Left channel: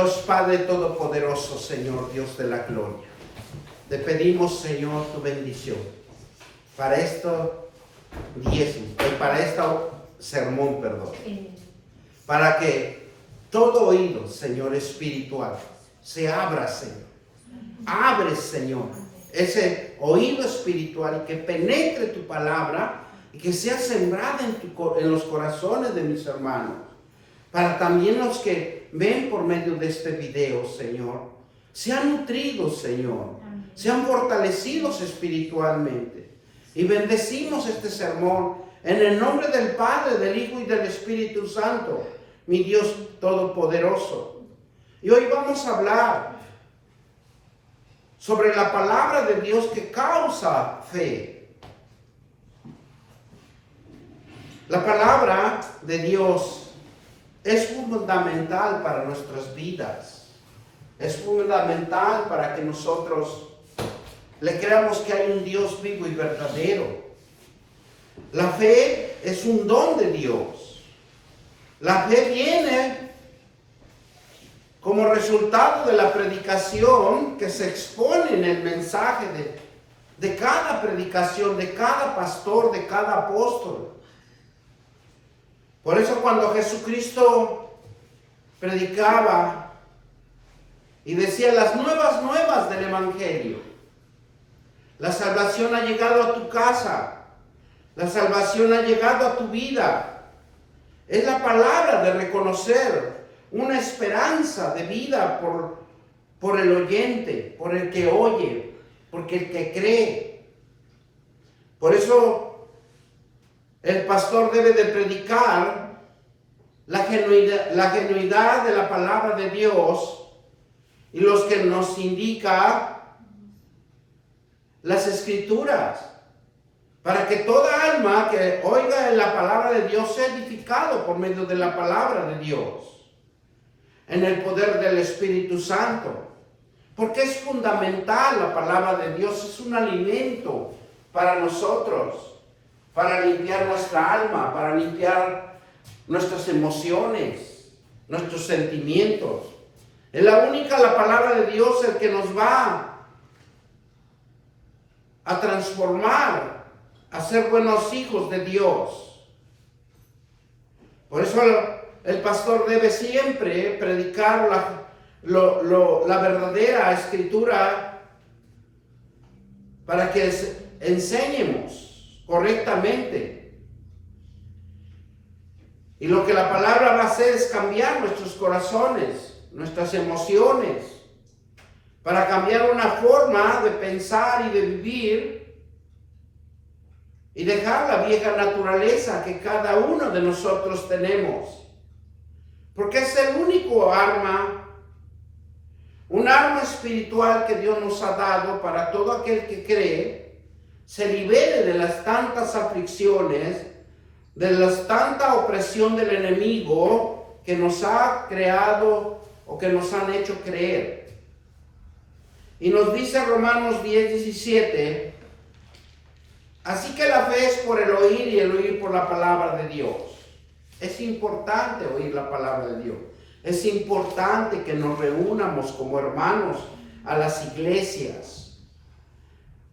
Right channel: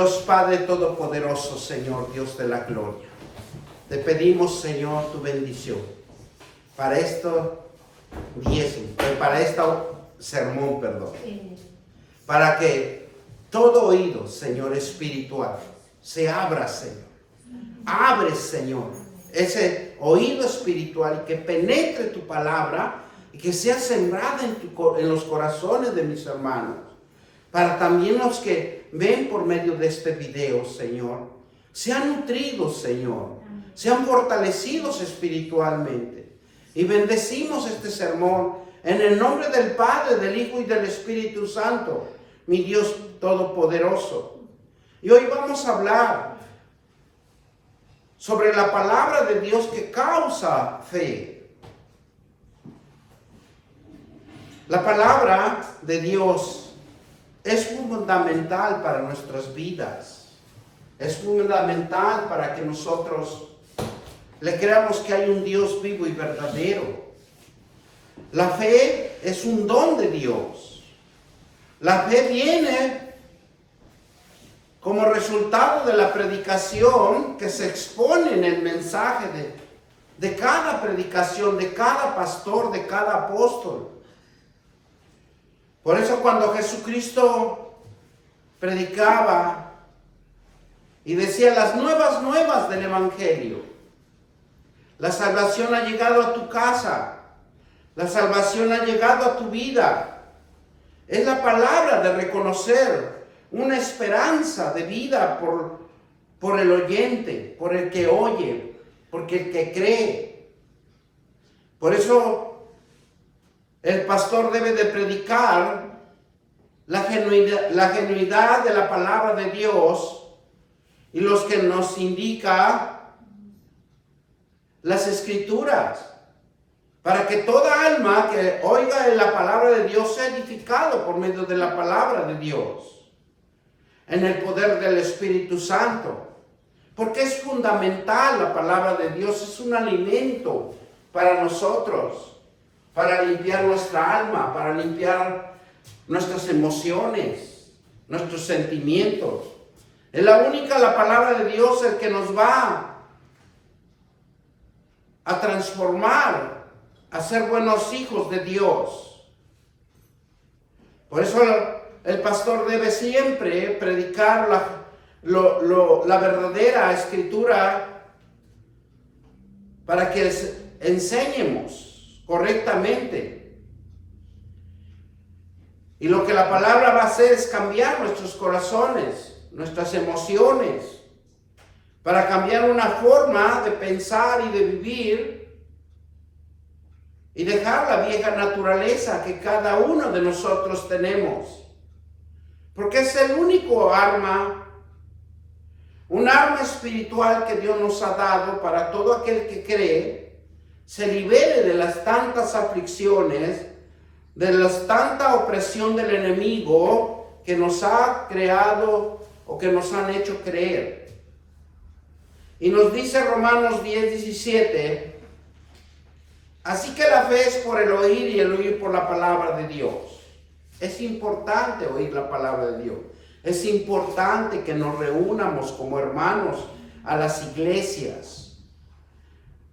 Dios Padre Todopoderoso, Señor, Dios de la gloria, te pedimos, Señor, tu bendición para esto para este sermón, para que todo oído, Señor, espiritual, se abra, Señor. Abre, Señor, ese oído espiritual y que penetre tu palabra y que sea sembrada en los corazones de mis hermanos. Para también los que ven por medio de este video, Señor, sean nutridos, Señor, sean fortalecidos espiritualmente. Y bendecimos este sermón en el nombre del Padre, del Hijo y del Espíritu Santo, mi Dios Todopoderoso. Y hoy vamos a hablar sobre la palabra de Dios que causa fe. La palabra de Dios es fundamental para nuestras vidas. Es fundamental para que nosotros le creamos que hay un Dios vivo y verdadero. La fe es un don de Dios. La fe viene como resultado de la predicación que se expone en el mensaje de cada predicación, de cada pastor, de cada apóstol. Por eso cuando Jesucristo predicaba y decía las nuevas del Evangelio, la salvación ha llegado a tu casa, la salvación ha llegado a tu vida. Es la palabra de reconocer una esperanza de vida por el oyente, por el que oye, por el que cree. Por eso el pastor debe de predicar la genuidad de la palabra de Dios y los que nos indica las Escrituras, para que toda alma que oiga la palabra de Dios sea edificado por medio de la palabra de Dios, en el poder del Espíritu Santo. Porque es fundamental la palabra de Dios, es un alimento para nosotros, para limpiar nuestra alma, para limpiar nuestras emociones, nuestros sentimientos. Es la palabra de Dios el que nos va a transformar, a ser buenos hijos de Dios. Por eso el pastor debe siempre predicar la verdadera escritura para que enseñemos correctamente. Y lo que la palabra va a hacer es cambiar nuestros corazones, nuestras emociones, para cambiar una forma de pensar y de vivir y dejar la vieja naturaleza que cada uno de nosotros tenemos. Porque es el único arma, un arma espiritual que Dios nos ha dado para todo aquel que cree, se libere de las tantas aflicciones, de la tanta opresión del enemigo que nos ha creado o que nos han hecho creer. Y nos dice Romanos 10:17, así que la fe es por el oír y el oír por la palabra de Dios. Es importante oír la palabra de Dios. Es importante que nos reunamos como hermanos a las iglesias,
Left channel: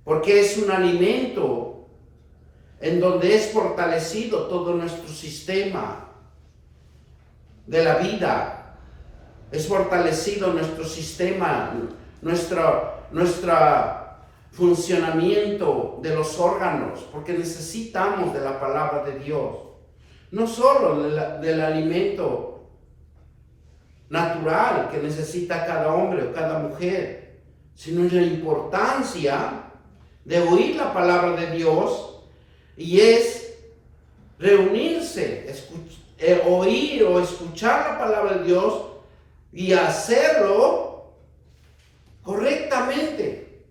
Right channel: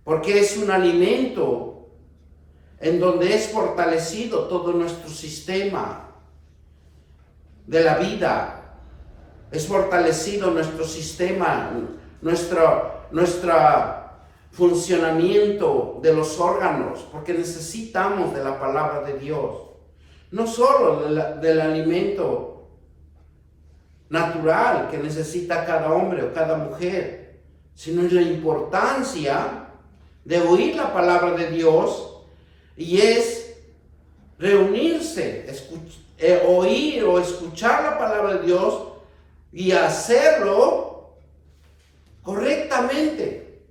porque es un alimento en donde es fortalecido todo nuestro sistema de la vida. Es fortalecido nuestro sistema, nuestro funcionamiento de los órganos, porque necesitamos de la palabra de Dios. No solo del alimento natural que necesita cada hombre o cada mujer, sino la importancia de oír la palabra de Dios, y es reunirse, oír o escuchar la palabra de Dios y hacerlo correctamente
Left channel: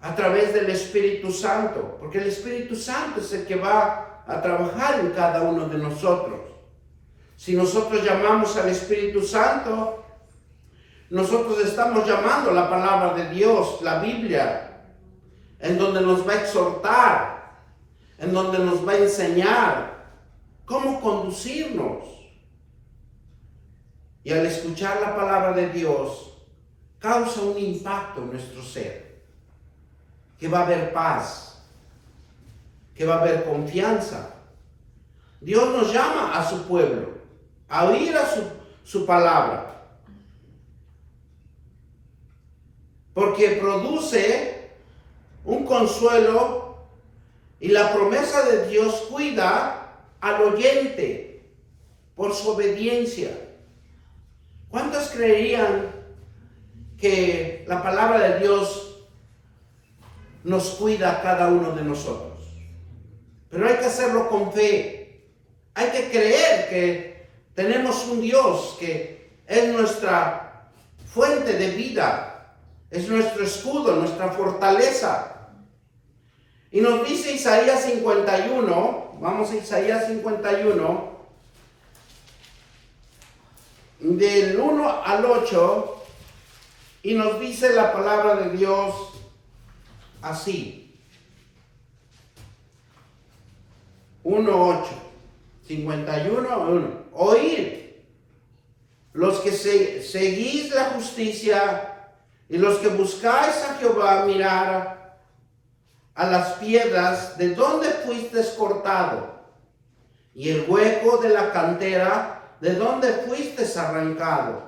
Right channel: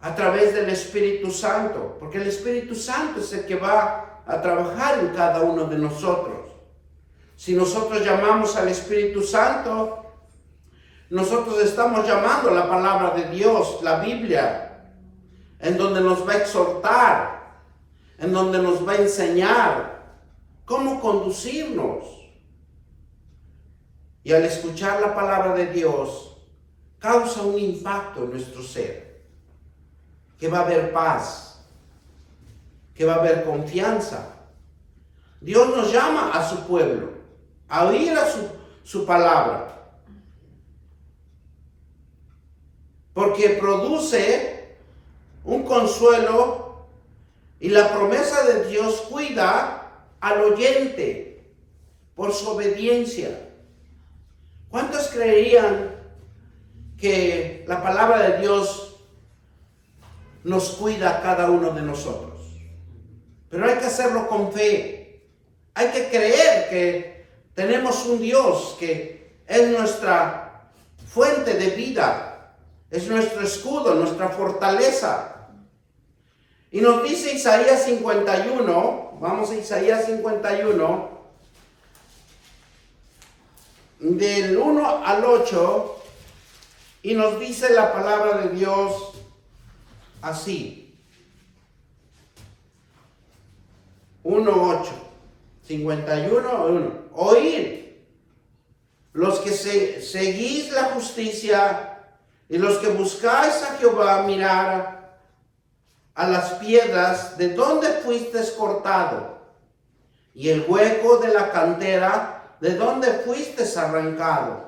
a través del Espíritu Santo, porque el Espíritu Santo es el que va a trabajar en cada uno de nosotros. Si nosotros llamamos al Espíritu Santo, nosotros estamos llamando la palabra de Dios, la Biblia, en donde nos va a exhortar, en donde nos va a enseñar cómo conducirnos. y al escuchar la palabra de Dios causa un impacto en nuestro ser, que va a haber paz, que va a haber confianza. Dios nos llama a su pueblo, a oír a su palabra, porque produce un consuelo y la promesa de Dios cuida al oyente por su obediencia. ¿Cuántos creerían que la palabra de Dios nos cuida a cada uno de nosotros? Pero hay que hacerlo con fe. Hay que creer que tenemos un Dios que es nuestra fuente de vida, es nuestro escudo, nuestra fortaleza. Y nos dice Isaías 51, vamos a Isaías 51, del 1 al 8, y nos dice la palabra de Dios así. 1:8, 51:1. Oíd, los que seguís la justicia y los que buscáis a Jehová, mirar a las piedras de donde fuiste cortado, y el hueco de la cantera de donde fuiste arrancado.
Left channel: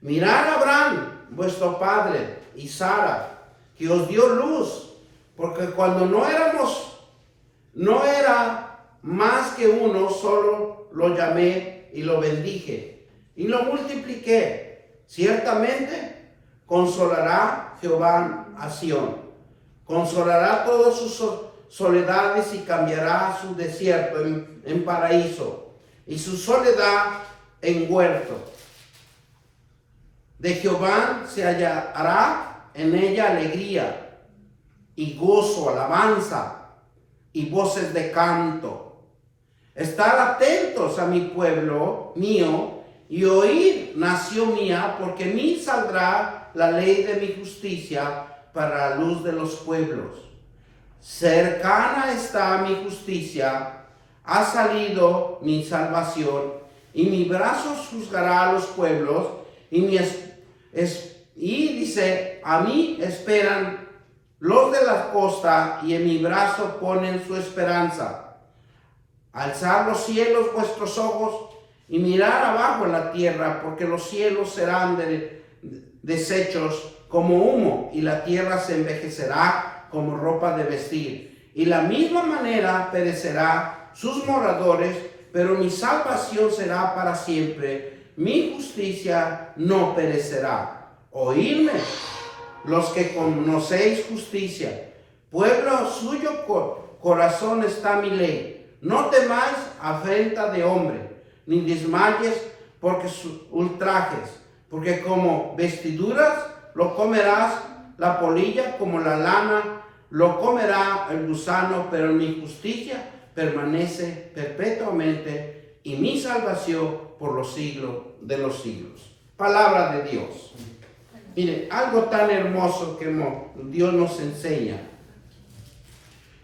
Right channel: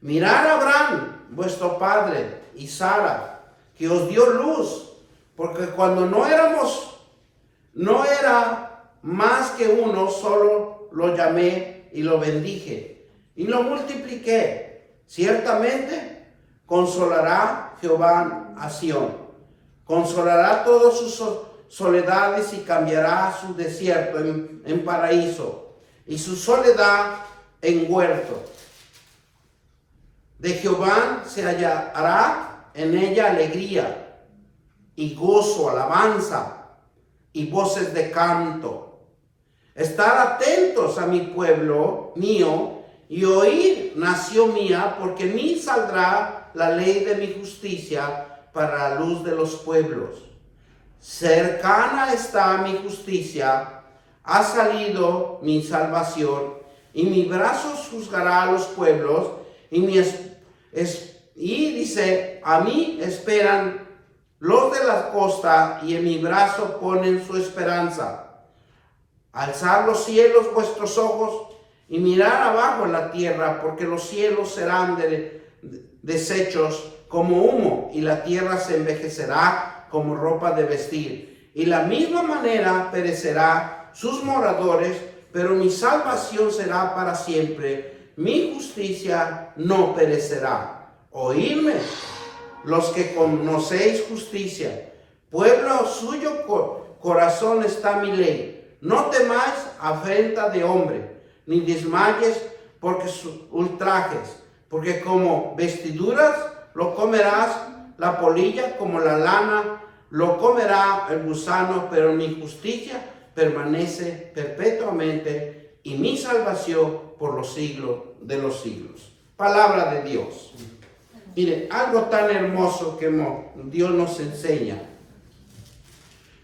Mirad a Abraham, vuestro padre, y Sara, que os dio luz, porque cuando no era más que uno, solo lo llamé y lo bendije, y lo multipliqué. Ciertamente consolará Jehová a Sión, consolará todas sus soledades y cambiará su desierto en paraíso y su soledad en huerto. De Jehová se hallará en ella alegría y gozo, alabanza y voces de canto. Estar atentos a mi pueblo mío y oír, nación mía, porque en mí saldrá la ley de mi justicia para la luz de los pueblos. Cercana está mi justicia, ha salido mi salvación, y mi brazo juzgará a los pueblos, y dice, a mí esperan los de la costa, y en mi brazo ponen su esperanza. Alzad los cielos vuestros ojos, y mirad abajo en la tierra, porque los cielos serán deshechos como humo, y la tierra se envejecerá como ropa de vestir. Y la misma manera perecerá sus moradores, pero mi salvación será para siempre, mi justicia no perecerá. Oídme, los que conocéis justicia, pueblo suyo corazón está mi ley. No temáis afrenta de hombre, ni desmayes porque sus ultrajes, porque como vestiduras lo comerás la polilla, como la lana lo comerá el gusano, pero mi justicia permanece perpetuamente y mi salvación por los siglos de los siglos. Palabra de Dios. Mire, algo tan hermoso que Dios nos enseña.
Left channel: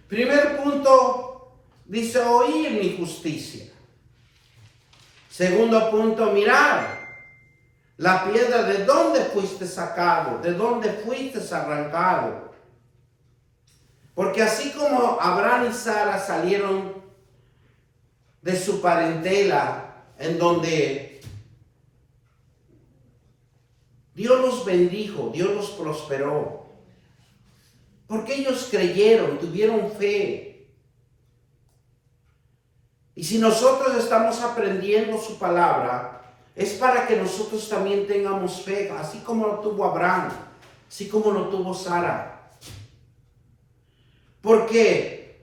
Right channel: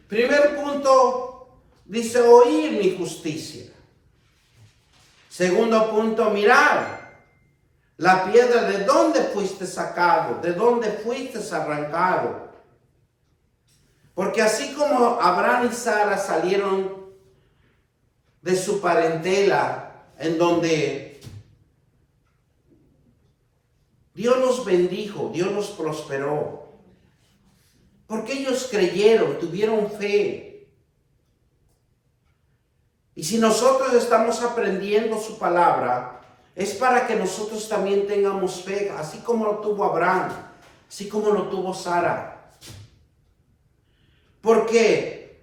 Primer punto, dice oír mi justicia. Segundo punto, mirar la piedra de donde fuiste sacado, de donde fuiste arrancado. Porque así como Abraham y Sara salieron de su parentela, en donde Dios los bendijo, Dios los prosperó, porque ellos creyeron, tuvieron fe. Y si nosotros estamos aprendiendo su palabra, es para que nosotros también tengamos fe, así como lo tuvo Abraham, así como lo tuvo Sara. Porque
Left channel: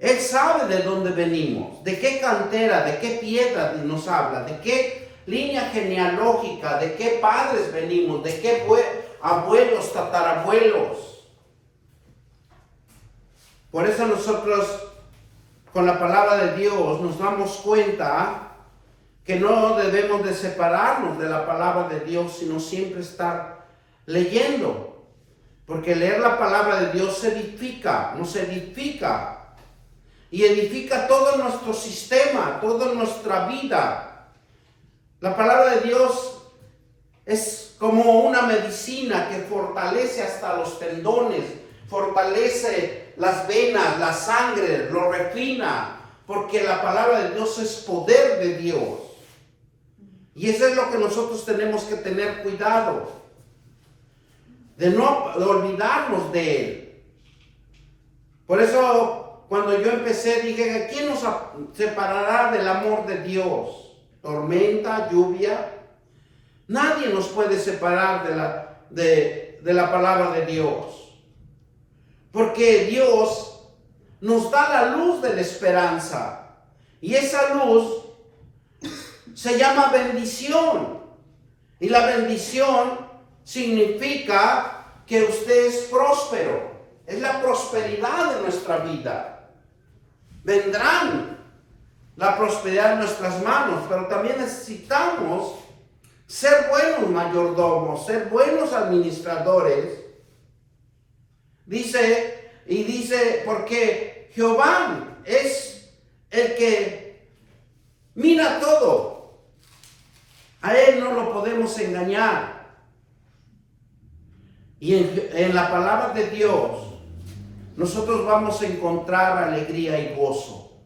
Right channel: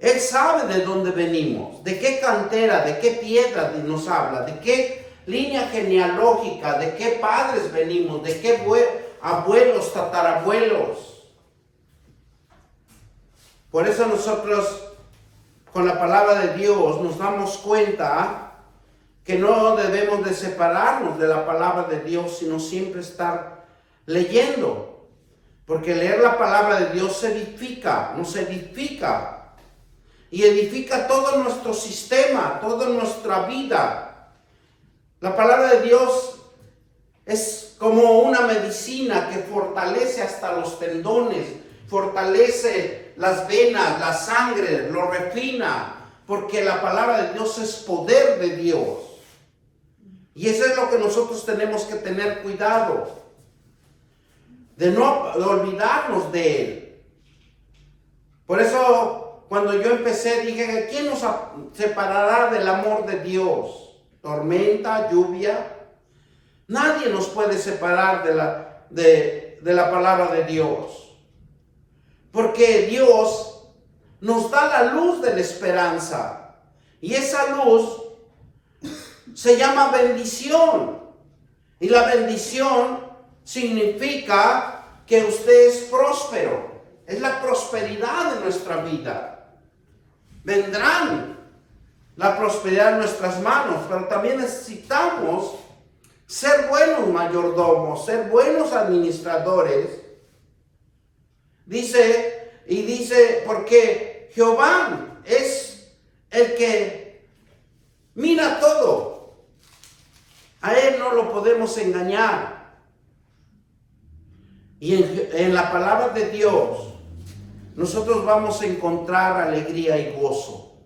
Él sabe de dónde venimos, de qué cantera, de qué piedra nos habla, de qué línea genealógica, de qué padres venimos, de qué abuelos, tatarabuelos. Por eso nosotros, con la palabra de Dios, nos damos cuenta que no debemos de separarnos de la palabra de Dios, sino siempre estar leyendo. Porque leer la palabra de Dios se edifica, nos edifica. Y edifica todo nuestro sistema, toda nuestra vida. La palabra de Dios es como una medicina que fortalece hasta los tendones, fortalece las venas, la sangre, lo refina, porque la palabra de Dios es poder de Dios. Y eso es lo que nosotros tenemos que tener cuidado, de no olvidarnos de Él. Por eso, cuando yo empecé, dije, ¿quién nos separará del amor de Dios? ¿Tormenta, lluvia? Nadie nos puede separar de la palabra de Dios. Porque Dios nos da la luz de la esperanza. Y esa luz se llama bendición. Y la bendición significa que usted es próspero. Es la prosperidad de nuestra vida. Vendrán la prosperidad en nuestras manos, pero también necesitamos ser buenos mayordomos, ser buenos administradores. Dice, porque Jehová es el que mira todo. A Él no lo podemos engañar. Y en la palabra de Dios, nosotros vamos a encontrar alegría y gozo,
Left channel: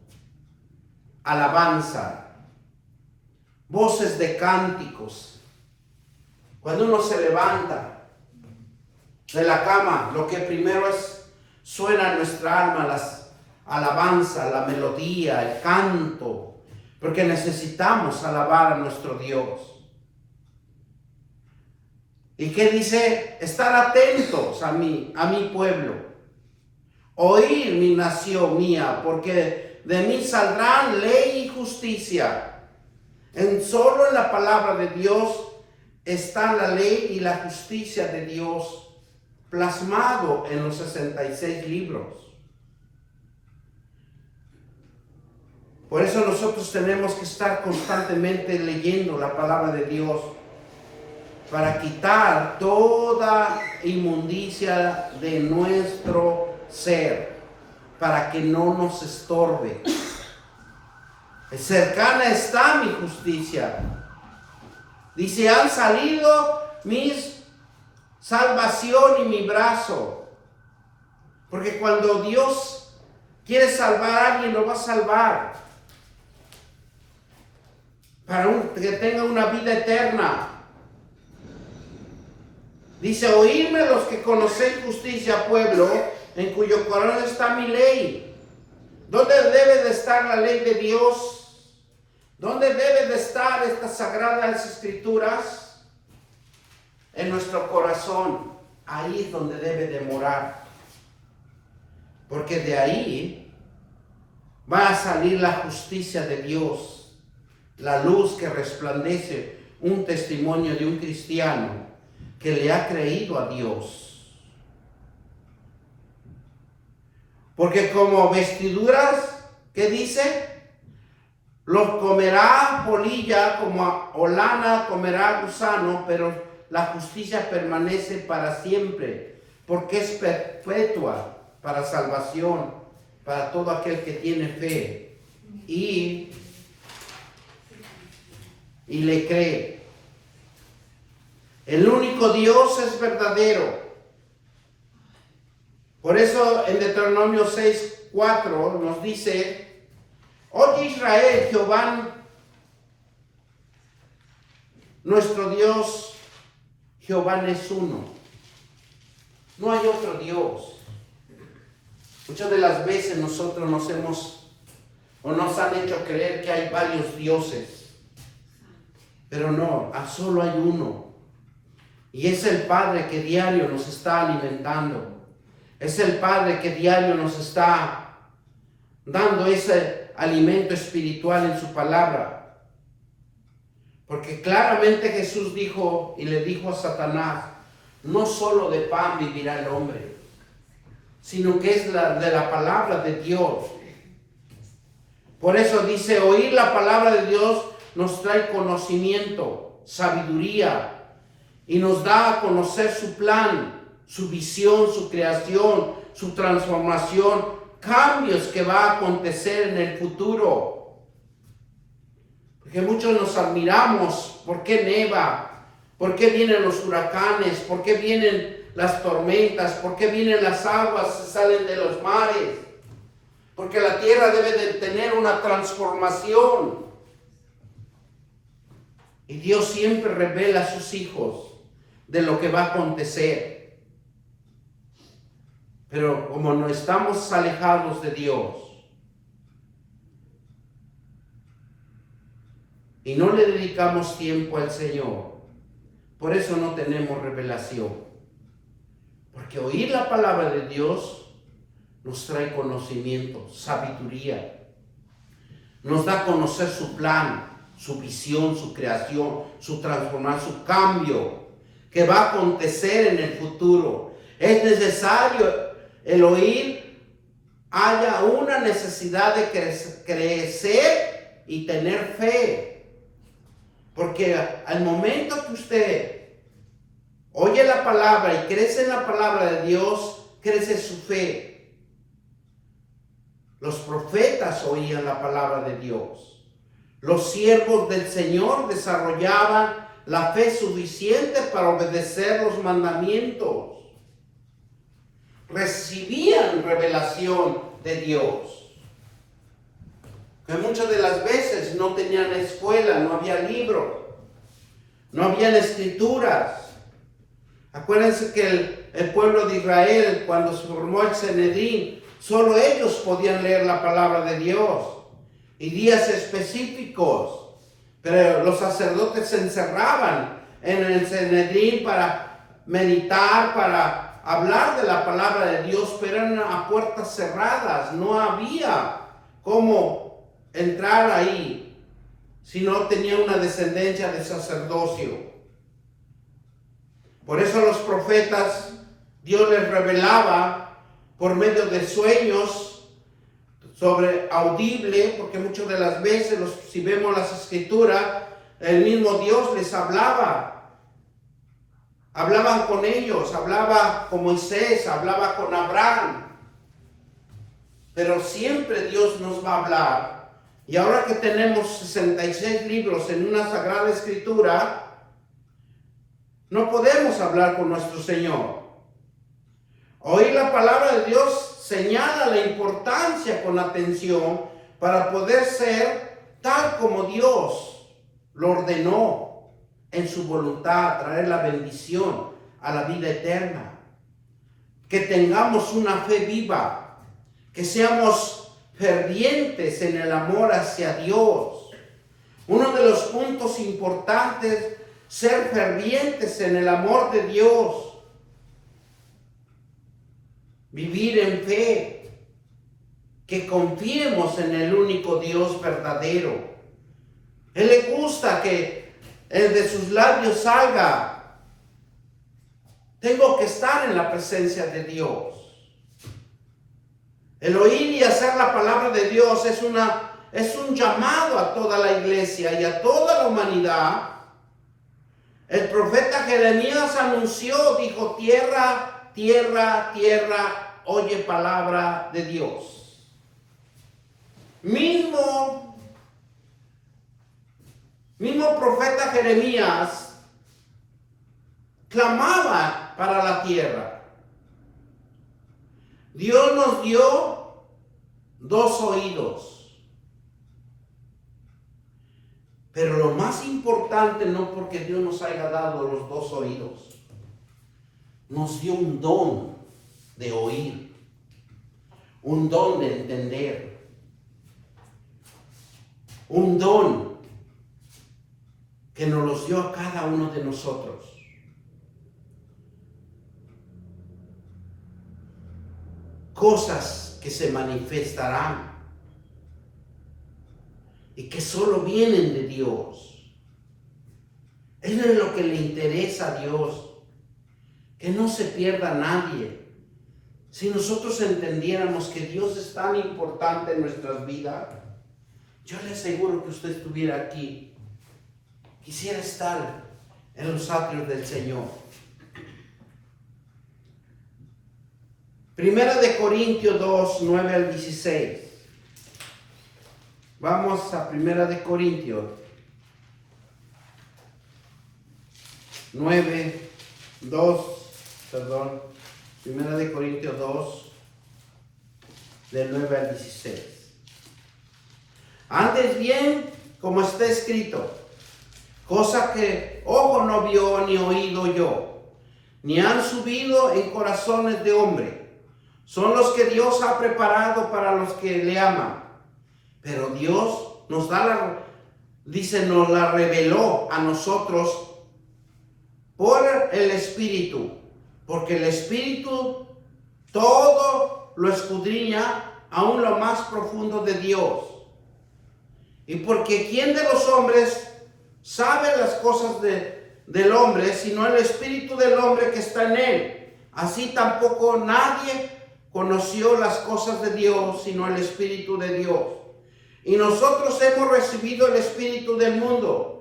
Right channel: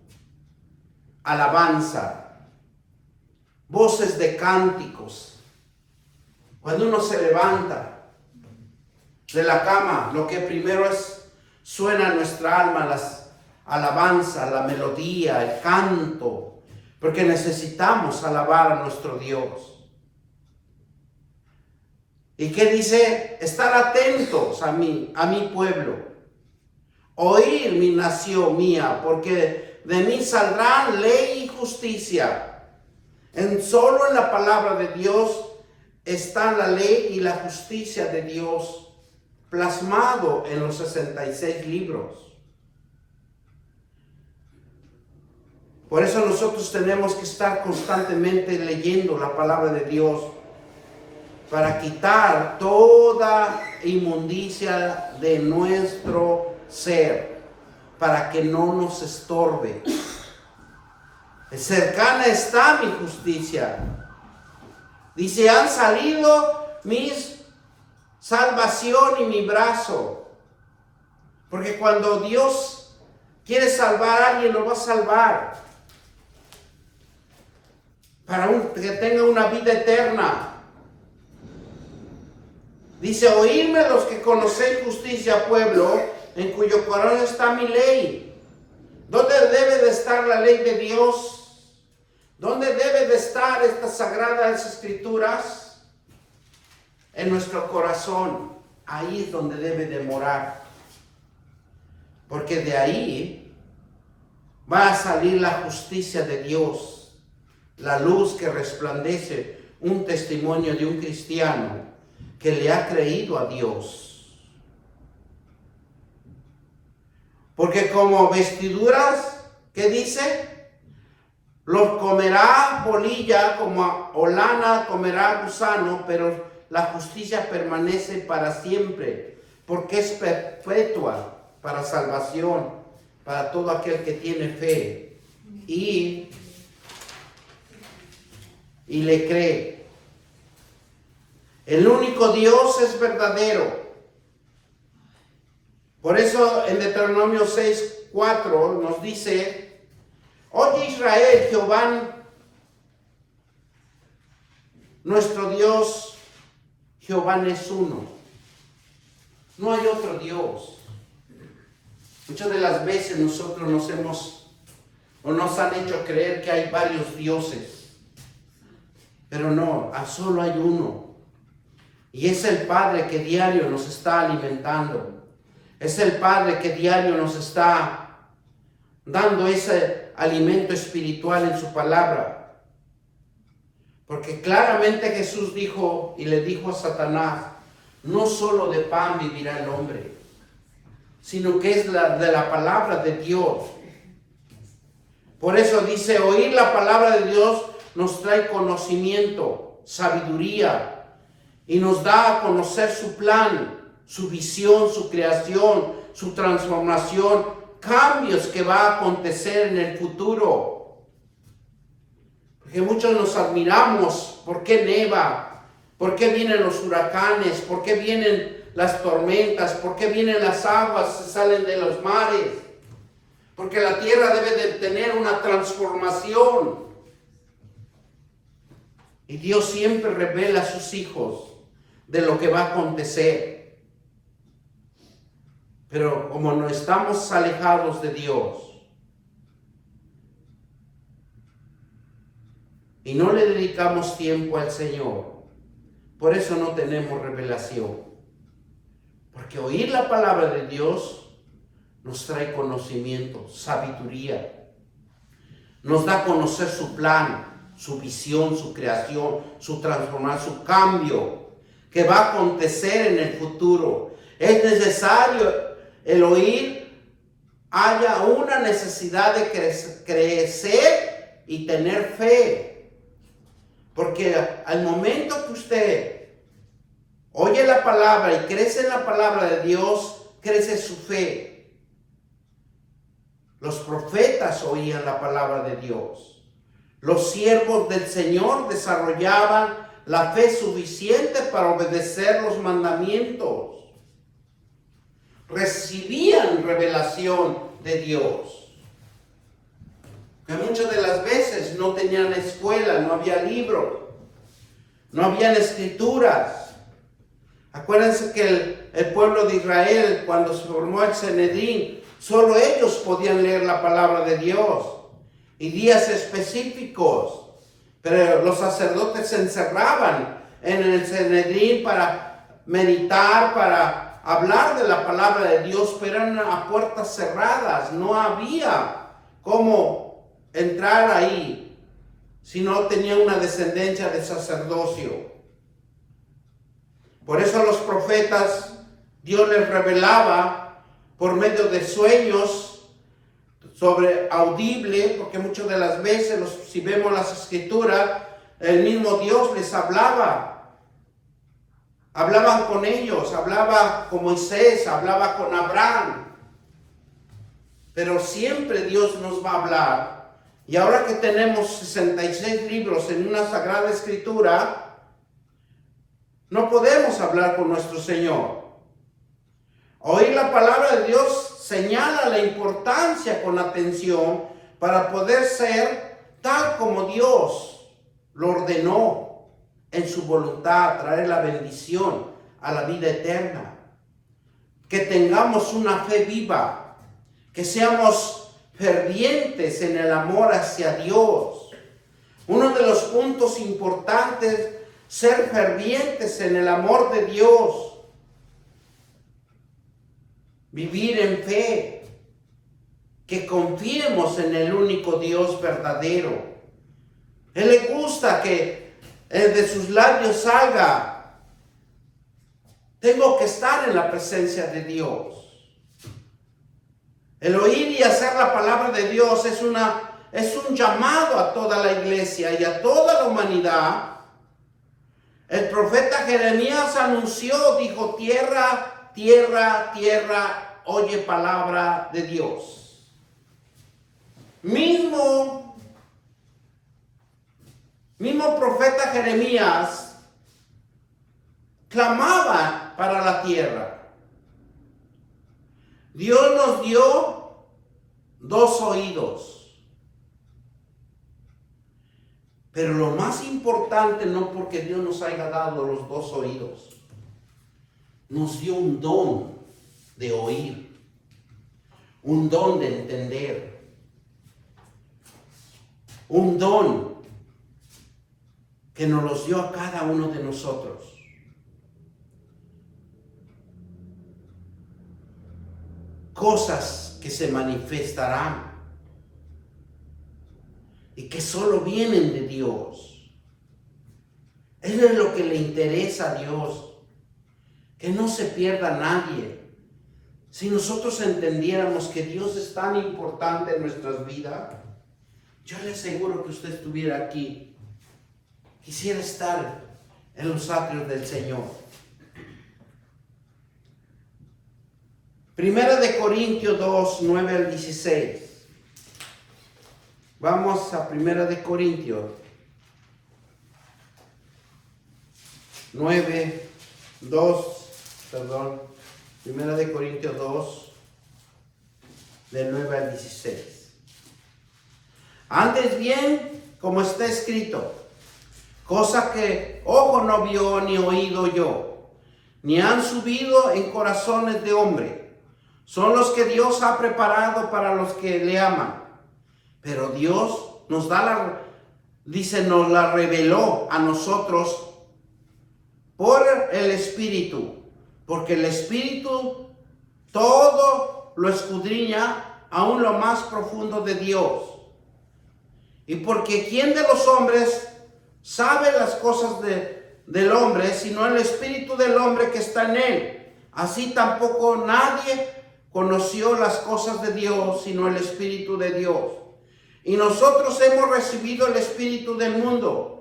alabanza, voces de cánticos. Cuando uno se levanta de la cama, lo que primero suena en nuestra alma, las alabanzas, la melodía, el canto, porque necesitamos alabar a nuestro Dios. ¿Y qué dice? Estar atentos a mi pueblo. Oír mi nación mía, porque de mí saldrán ley y justicia. Solo en la palabra de Dios está la ley y la justicia de Dios plasmado en los 66 libros. Por eso nosotros tenemos que estar constantemente leyendo la palabra de Dios para quitar toda inmundicia de nuestro ser, para que no nos estorbe. Cercana está mi justicia. Dice, han salido mis salvación y mi brazo. Porque cuando Dios quiere salvar a alguien, lo va a salvar. Para que tenga una vida eterna. Dice, oírme los que conocéis justicia, pueblo, en cuyo corazón está mi ley. ¿Dónde debe de estar la ley de Dios? ¿Dónde debe de estar estas sagradas escrituras? En nuestro corazón. Ahí es donde debe de morar. Porque de ahí va a salir la justicia de Dios. La luz que resplandece, un testimonio de un cristiano que le ha creído a Dios. Porque como vestiduras, ¿qué dice? Los comerá polilla, como o lana comerá gusano, pero la justicia permanece para siempre, porque es perpetua para salvación, para todo aquel que tiene fe y le cree. El único Dios es verdadero. Por eso en Deuteronomio 6:4 nos dice, oye Israel, Jehová, nuestro Dios, Jehová es uno. No hay otro Dios. Muchas de las veces nosotros nos han hecho creer que hay varios dioses. Pero no, solo hay uno. Y es el Padre que diario nos está alimentando. Es el Padre que diario nos está dando ese alimento espiritual en su palabra. Porque claramente Jesús dijo y le dijo a Satanás, no solo de pan vivirá el hombre, sino que es de la palabra de Dios. Por eso dice, oír la palabra de Dios nos trae conocimiento, sabiduría, y nos da a conocer su plan, su visión, su creación, su transformación, cambios que va a acontecer en el futuro. que muchos nos admiramos. ¿Por qué neva? ¿Por qué vienen los huracanes? ¿Por qué vienen las tormentas? ¿Por qué vienen las aguas que salen de los mares? Porque la tierra debe de tener una transformación. Y Dios siempre revela a sus hijos de lo que va a acontecer. Pero como no estamos alejados de Dios y no le dedicamos tiempo al Señor, por eso no tenemos revelación. Porque oír la palabra de Dios nos trae conocimiento, sabiduría. Nos da a conocer su plan, su visión, su creación, su transformación, su cambio que va a acontecer en el futuro. Es necesario el oír. Haya una necesidad de crecer y tener fe. Porque al momento que usted oye la palabra y crece en la palabra de Dios, crece su fe. Los profetas oían la palabra de Dios. Los siervos del Señor desarrollaban la fe suficiente para obedecer los mandamientos. Recibían revelación de Dios. Que muchas de las veces no tenían escuela, no había libro, no habían escrituras. Acuérdense que el pueblo de Israel, cuando se formó el Sanedrín, solo ellos podían leer la palabra de Dios. Y días específicos. Pero los sacerdotes se encerraban en el Sanedrín para meditar, para hablar de la palabra de Dios, pero eran a puertas cerradas. No había cómo entrar ahí si no tenía una descendencia de sacerdocio. Por eso a los profetas Dios les revelaba por medio de sueños sobre audible, porque muchas de las veces, si vemos las escrituras, el mismo Dios les hablaba. Hablaban con ellos, hablaba con Moisés, hablaba con Abraham. Pero siempre Dios nos va a hablar. Y ahora que tenemos 66 libros en una sagrada escritura, no podemos hablar con nuestro Señor. Oír la palabra de Dios señala la importancia con atención para poder ser tal como Dios lo ordenó en su voluntad, traer la bendición a la vida eterna. Que tengamos una fe viva, que seamos fervientes en el amor hacia Dios. Uno de los puntos importantes, ser fervientes en el amor de Dios. Vivir en fe, que confiemos en el único Dios verdadero. Él le gusta que de sus labios salga: tengo que estar en la presencia de Dios. El oír y hacer la palabra de Dios es un llamado a toda la iglesia y a toda la humanidad. El profeta Jeremías anunció, dijo: tierra, tierra, tierra, oye palabra de Dios. Mismo profeta Jeremías clamaba para la tierra. Dios nos dio 2 oídos. Pero lo más importante, no porque Dios nos haya dado los 2 oídos, nos dio un don de oír, un don de entender, un don que nos los dio a cada uno de nosotros. Cosas que se manifestarán y que solo vienen de Dios. Eso es lo que le interesa a Dios, que no se pierda nadie. Si nosotros entendiéramos que Dios es tan importante en nuestras vidas, yo le aseguro que usted estuviera aquí, quisiera estar en los atrios del Señor. Primera de Corintios 2, 9 al 16. Vamos a Primera de Corintios Primera de Corintios 2, del 9 al 16. Antes bien, como está escrito, cosa que ojo no vio ni oído oyó, ni han subido en corazones de hombre, son los que Dios ha preparado para los que le aman. Pero Dios nos nos la reveló a nosotros por el Espíritu, porque el Espíritu todo lo escudriña aún lo más profundo de Dios. Y porque ¿quién de los hombres sabe las cosas del hombre, sino el Espíritu del hombre que está en él? Así tampoco nadie conoció las cosas de Dios, sino el Espíritu de Dios. Y nosotros hemos recibido el Espíritu del mundo,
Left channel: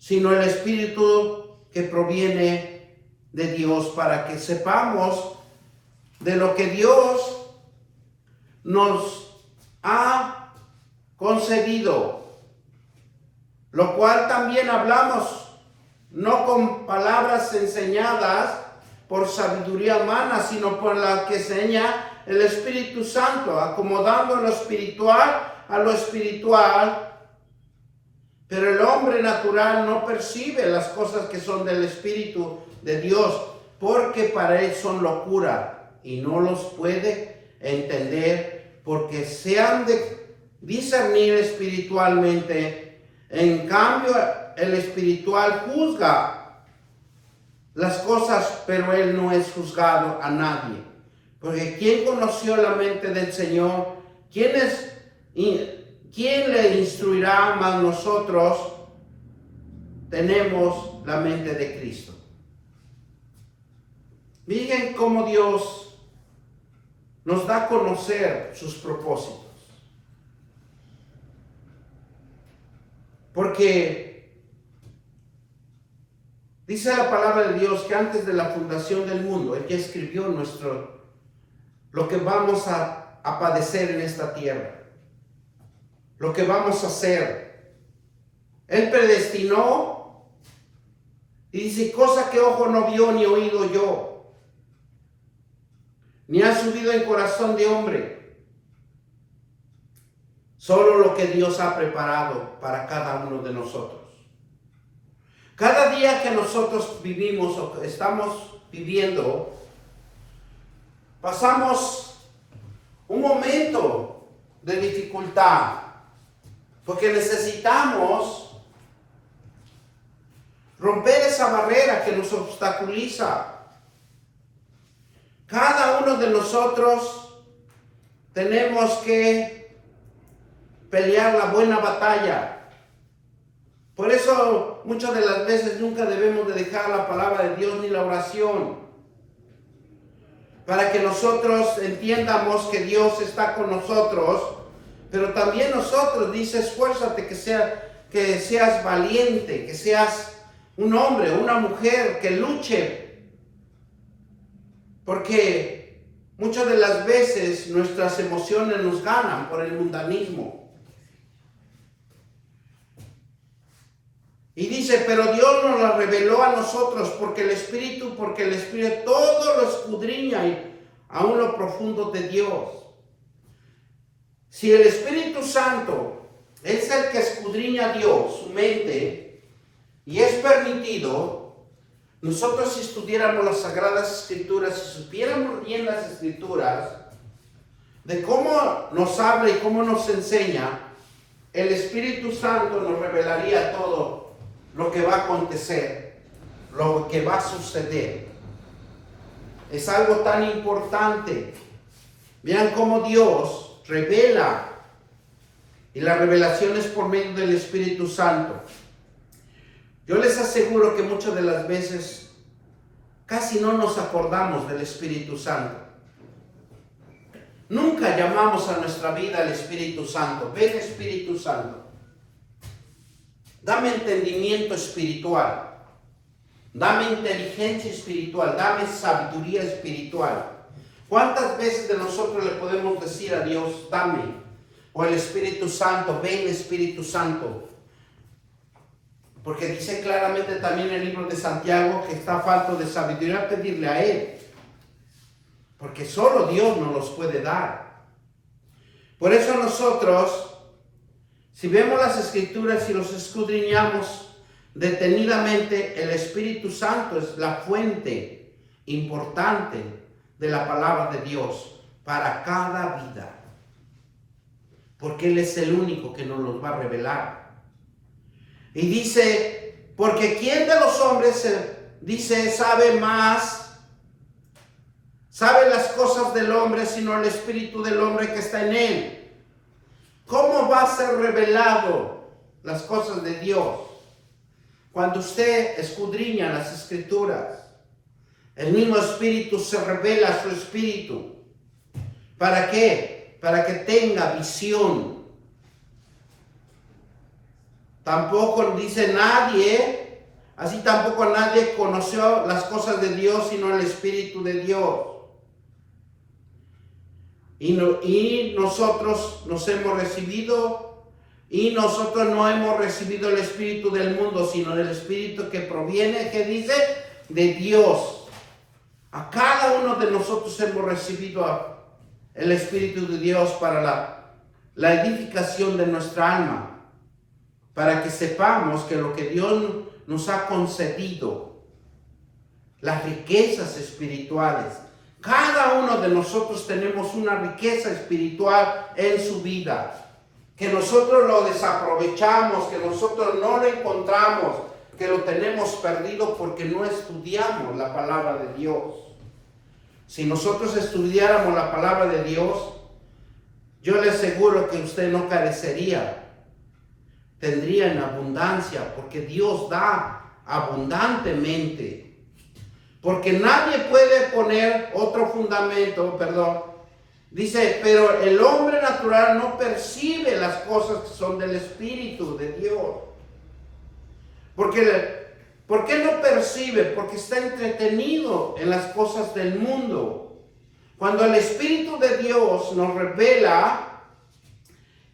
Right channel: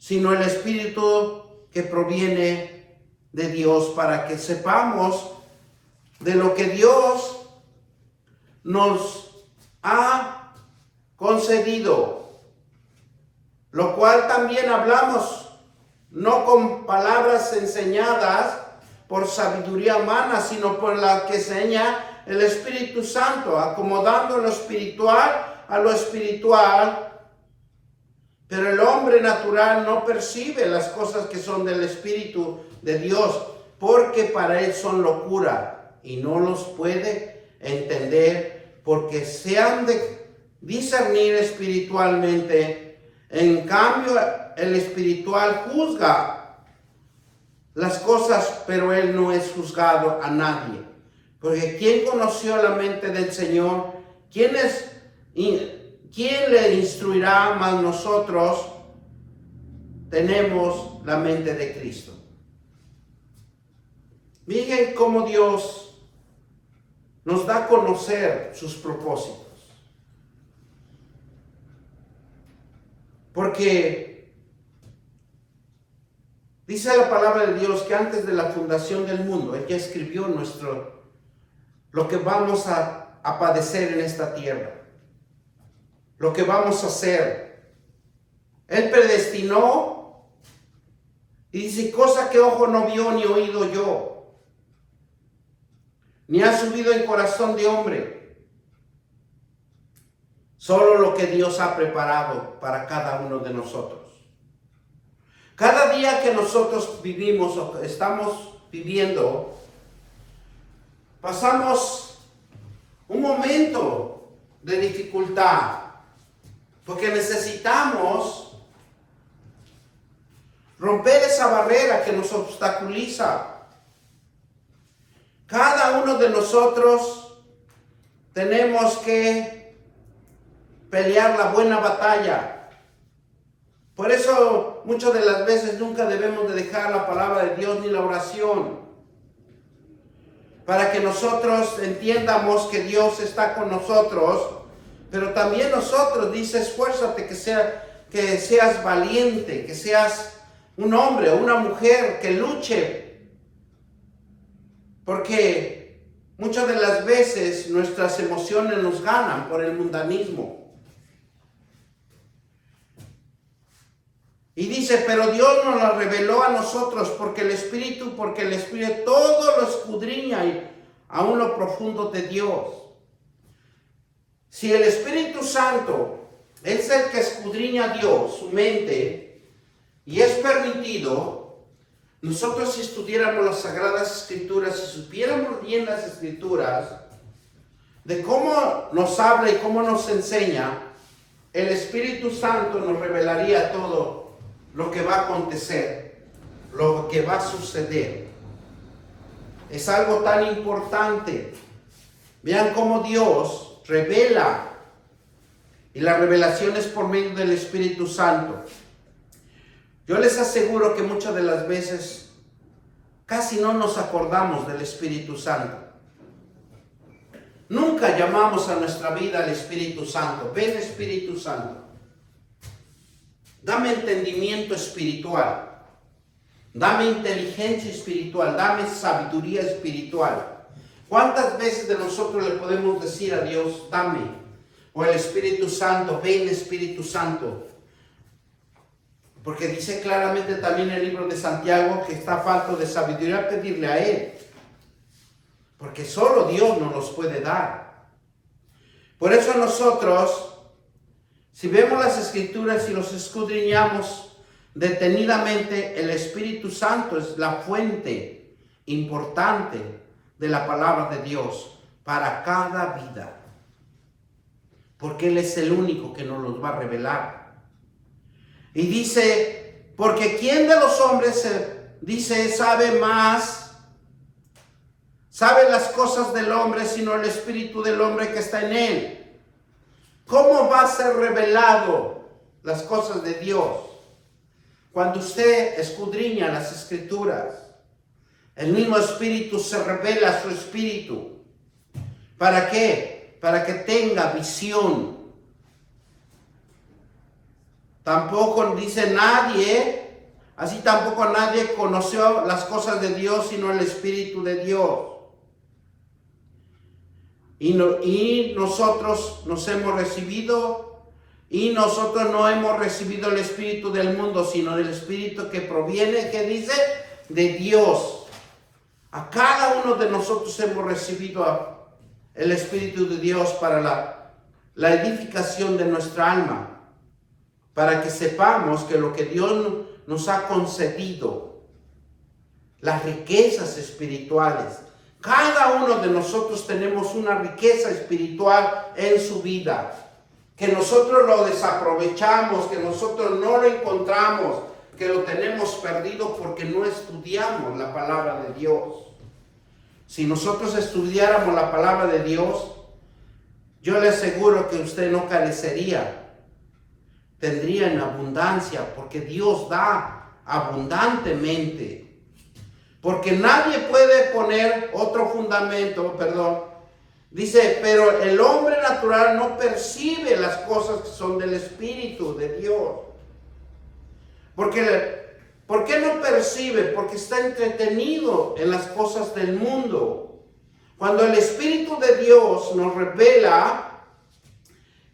sino el Espíritu que proviene de Dios, para que sepamos de lo que Dios nos ha concedido, lo cual también hablamos, no con palabras enseñadas por sabiduría humana, sino por la que enseña el Espíritu Santo, acomodando lo espiritual a lo espiritual. Pero el hombre natural no percibe las cosas que son del Espíritu de Dios, porque para él son locura y no los puede entender, porque se han de discernir espiritualmente. En cambio, el espiritual juzga las cosas, pero él no es juzgado a nadie. Porque ¿quién conoció la mente del Señor? ¿Quién le instruirá? Más nosotros tenemos la mente de Cristo. Miren cómo Dios nos da a conocer sus propósitos. Porque dice la palabra de Dios que antes de la fundación del mundo, Él ya escribió lo que vamos a padecer en esta tierra, lo que vamos a hacer. Él predestinó y dice, cosa que ojo no vio ni oído yo, ni ha subido en corazón de hombre. Solo lo que Dios ha preparado para cada uno de nosotros. Cada día que nosotros vivimos o estamos viviendo, pasamos un momento de dificultad, porque necesitamos romper esa barrera que nos obstaculiza. Cada uno de nosotros tenemos que pelear la buena batalla. Por eso muchas de las veces nunca debemos de dejar la palabra de Dios ni la oración, para que nosotros entiendamos que Dios está con nosotros, pero también nosotros, dice, esfuérzate que seas valiente, que seas un hombre o una mujer que luche, porque muchas de las veces nuestras emociones nos ganan por el mundanismo. Y dice, pero Dios nos la reveló a nosotros porque el Espíritu todo lo escudriña y aún lo profundo de Dios. Si el Espíritu Santo es el que escudriña a Dios, su mente, y es permitido, nosotros si estudiáramos las Sagradas Escrituras, si supiéramos bien las Escrituras, de cómo nos habla y cómo nos enseña, el Espíritu Santo nos revelaría todo lo que va a acontecer, lo que va a suceder. Es algo tan importante. Vean cómo Dios revela, y la revelación es por medio del Espíritu Santo. Yo les aseguro que muchas de las veces casi no nos acordamos del Espíritu Santo. Nunca llamamos a nuestra vida al Espíritu Santo. Ven, Espíritu Santo, dame entendimiento espiritual, dame inteligencia espiritual, dame sabiduría espiritual. ¿Cuántas veces de nosotros le podemos decir a Dios, dame? O el Espíritu Santo, ven, Espíritu Santo, Porque dice claramente también el libro de Santiago que está falto de sabiduría pedirle a Él. Porque solo Dios nos los puede dar. Por eso nosotros, si vemos las Escrituras y los escudriñamos detenidamente, el Espíritu Santo es la fuente importante de la palabra de Dios para cada vida. Porque Él es el único que nos los va a revelar. Y dice, porque ¿quién de los hombres sabe más, sabe las cosas del hombre, sino el espíritu del hombre que está en él? ¿Cómo va a ser revelado las cosas de Dios? Cuando usted escudriña las Escrituras, el mismo Espíritu se revela a su espíritu. ¿Para qué? Para que tenga visión. Tampoco dice nadie, así tampoco nadie conoció las cosas de Dios, sino el Espíritu de Dios. Y nosotros nos hemos recibido, y nosotros no hemos recibido el Espíritu del mundo, sino el Espíritu que proviene, que dice, de Dios. A cada uno de nosotros hemos recibido el Espíritu de Dios para la edificación de nuestra alma. Para que sepamos que lo que Dios nos ha concedido, las riquezas espirituales, cada uno de nosotros tenemos una riqueza espiritual en su vida, que nosotros lo desaprovechamos, que nosotros no lo encontramos, que lo tenemos perdido porque no estudiamos la palabra de Dios. Si nosotros estudiáramos la palabra de Dios, yo le aseguro que usted no carecería. Tendría en abundancia, porque Dios da abundantemente. Porque nadie puede poner otro fundamento, dice, pero el hombre natural no percibe las cosas que son del Espíritu de Dios. ¿Por qué no percibe? Porque está entretenido en las cosas del mundo. Cuando el Espíritu de Dios nos revela,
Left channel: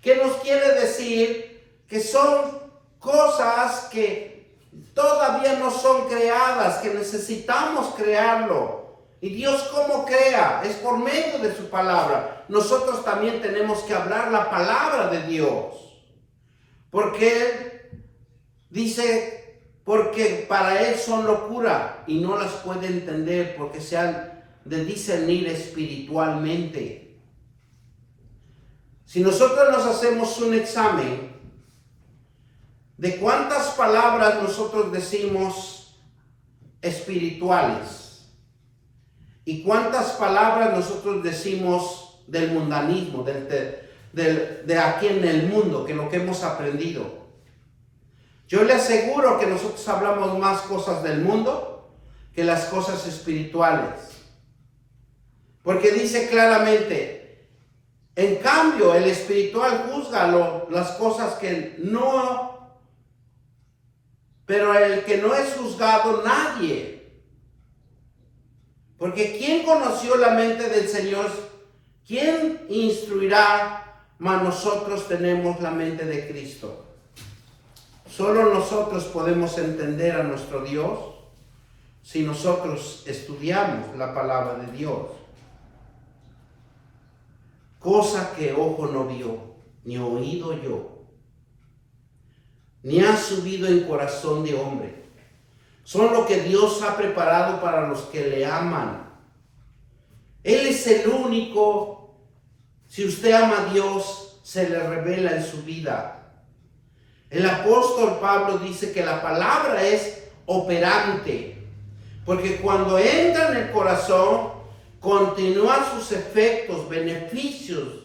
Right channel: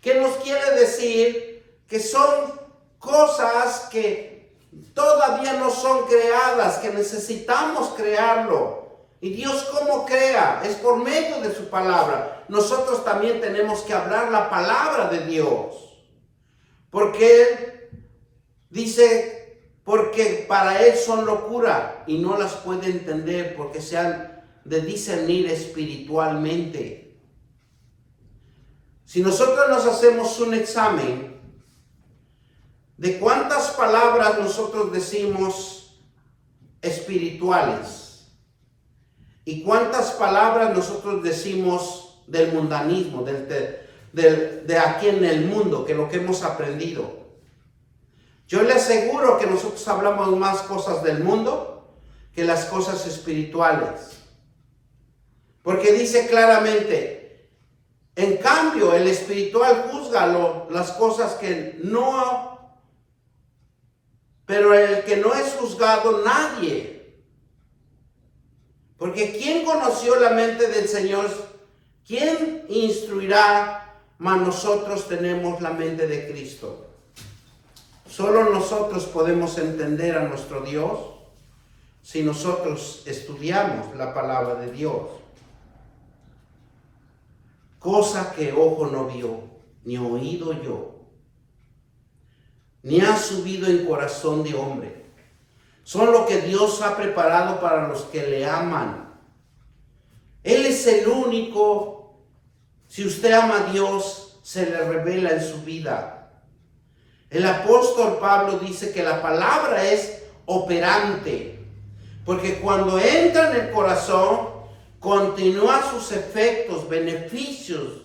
¿qué nos quiere decir? Que son cosas que todavía no son creadas, que necesitamos crearlo. ¿Y Dios cómo crea? Es por medio de su palabra. Nosotros también tenemos que hablar la palabra de Dios. Porque Él dice, porque para Él son locura y no las puede entender porque se han de discernir espiritualmente. Si nosotros nos hacemos un examen de cuántas palabras nosotros decimos espirituales y cuántas palabras nosotros decimos del mundanismo, de aquí en el mundo, que lo que hemos aprendido. Yo le aseguro que nosotros hablamos más cosas del mundo que las cosas espirituales. Porque dice claramente, en cambio el espiritual juzga las cosas que no. Pero el que no es juzgado, nadie. Porque ¿quién conoció la mente del Señor? ¿Quién instruirá? Mas nosotros tenemos la mente de Cristo. Solo nosotros podemos entender a nuestro Dios si nosotros estudiamos la palabra de Dios. Cosa que ojo no vio, ni oído yo, ni ha subido en corazón de hombre. Son lo que Dios ha preparado para los que le aman. Él es el único. Si usted ama a Dios, se le revela en su vida. El apóstol Pablo dice que la palabra es operante, porque cuando entra en el corazón, continúa sus efectos, beneficios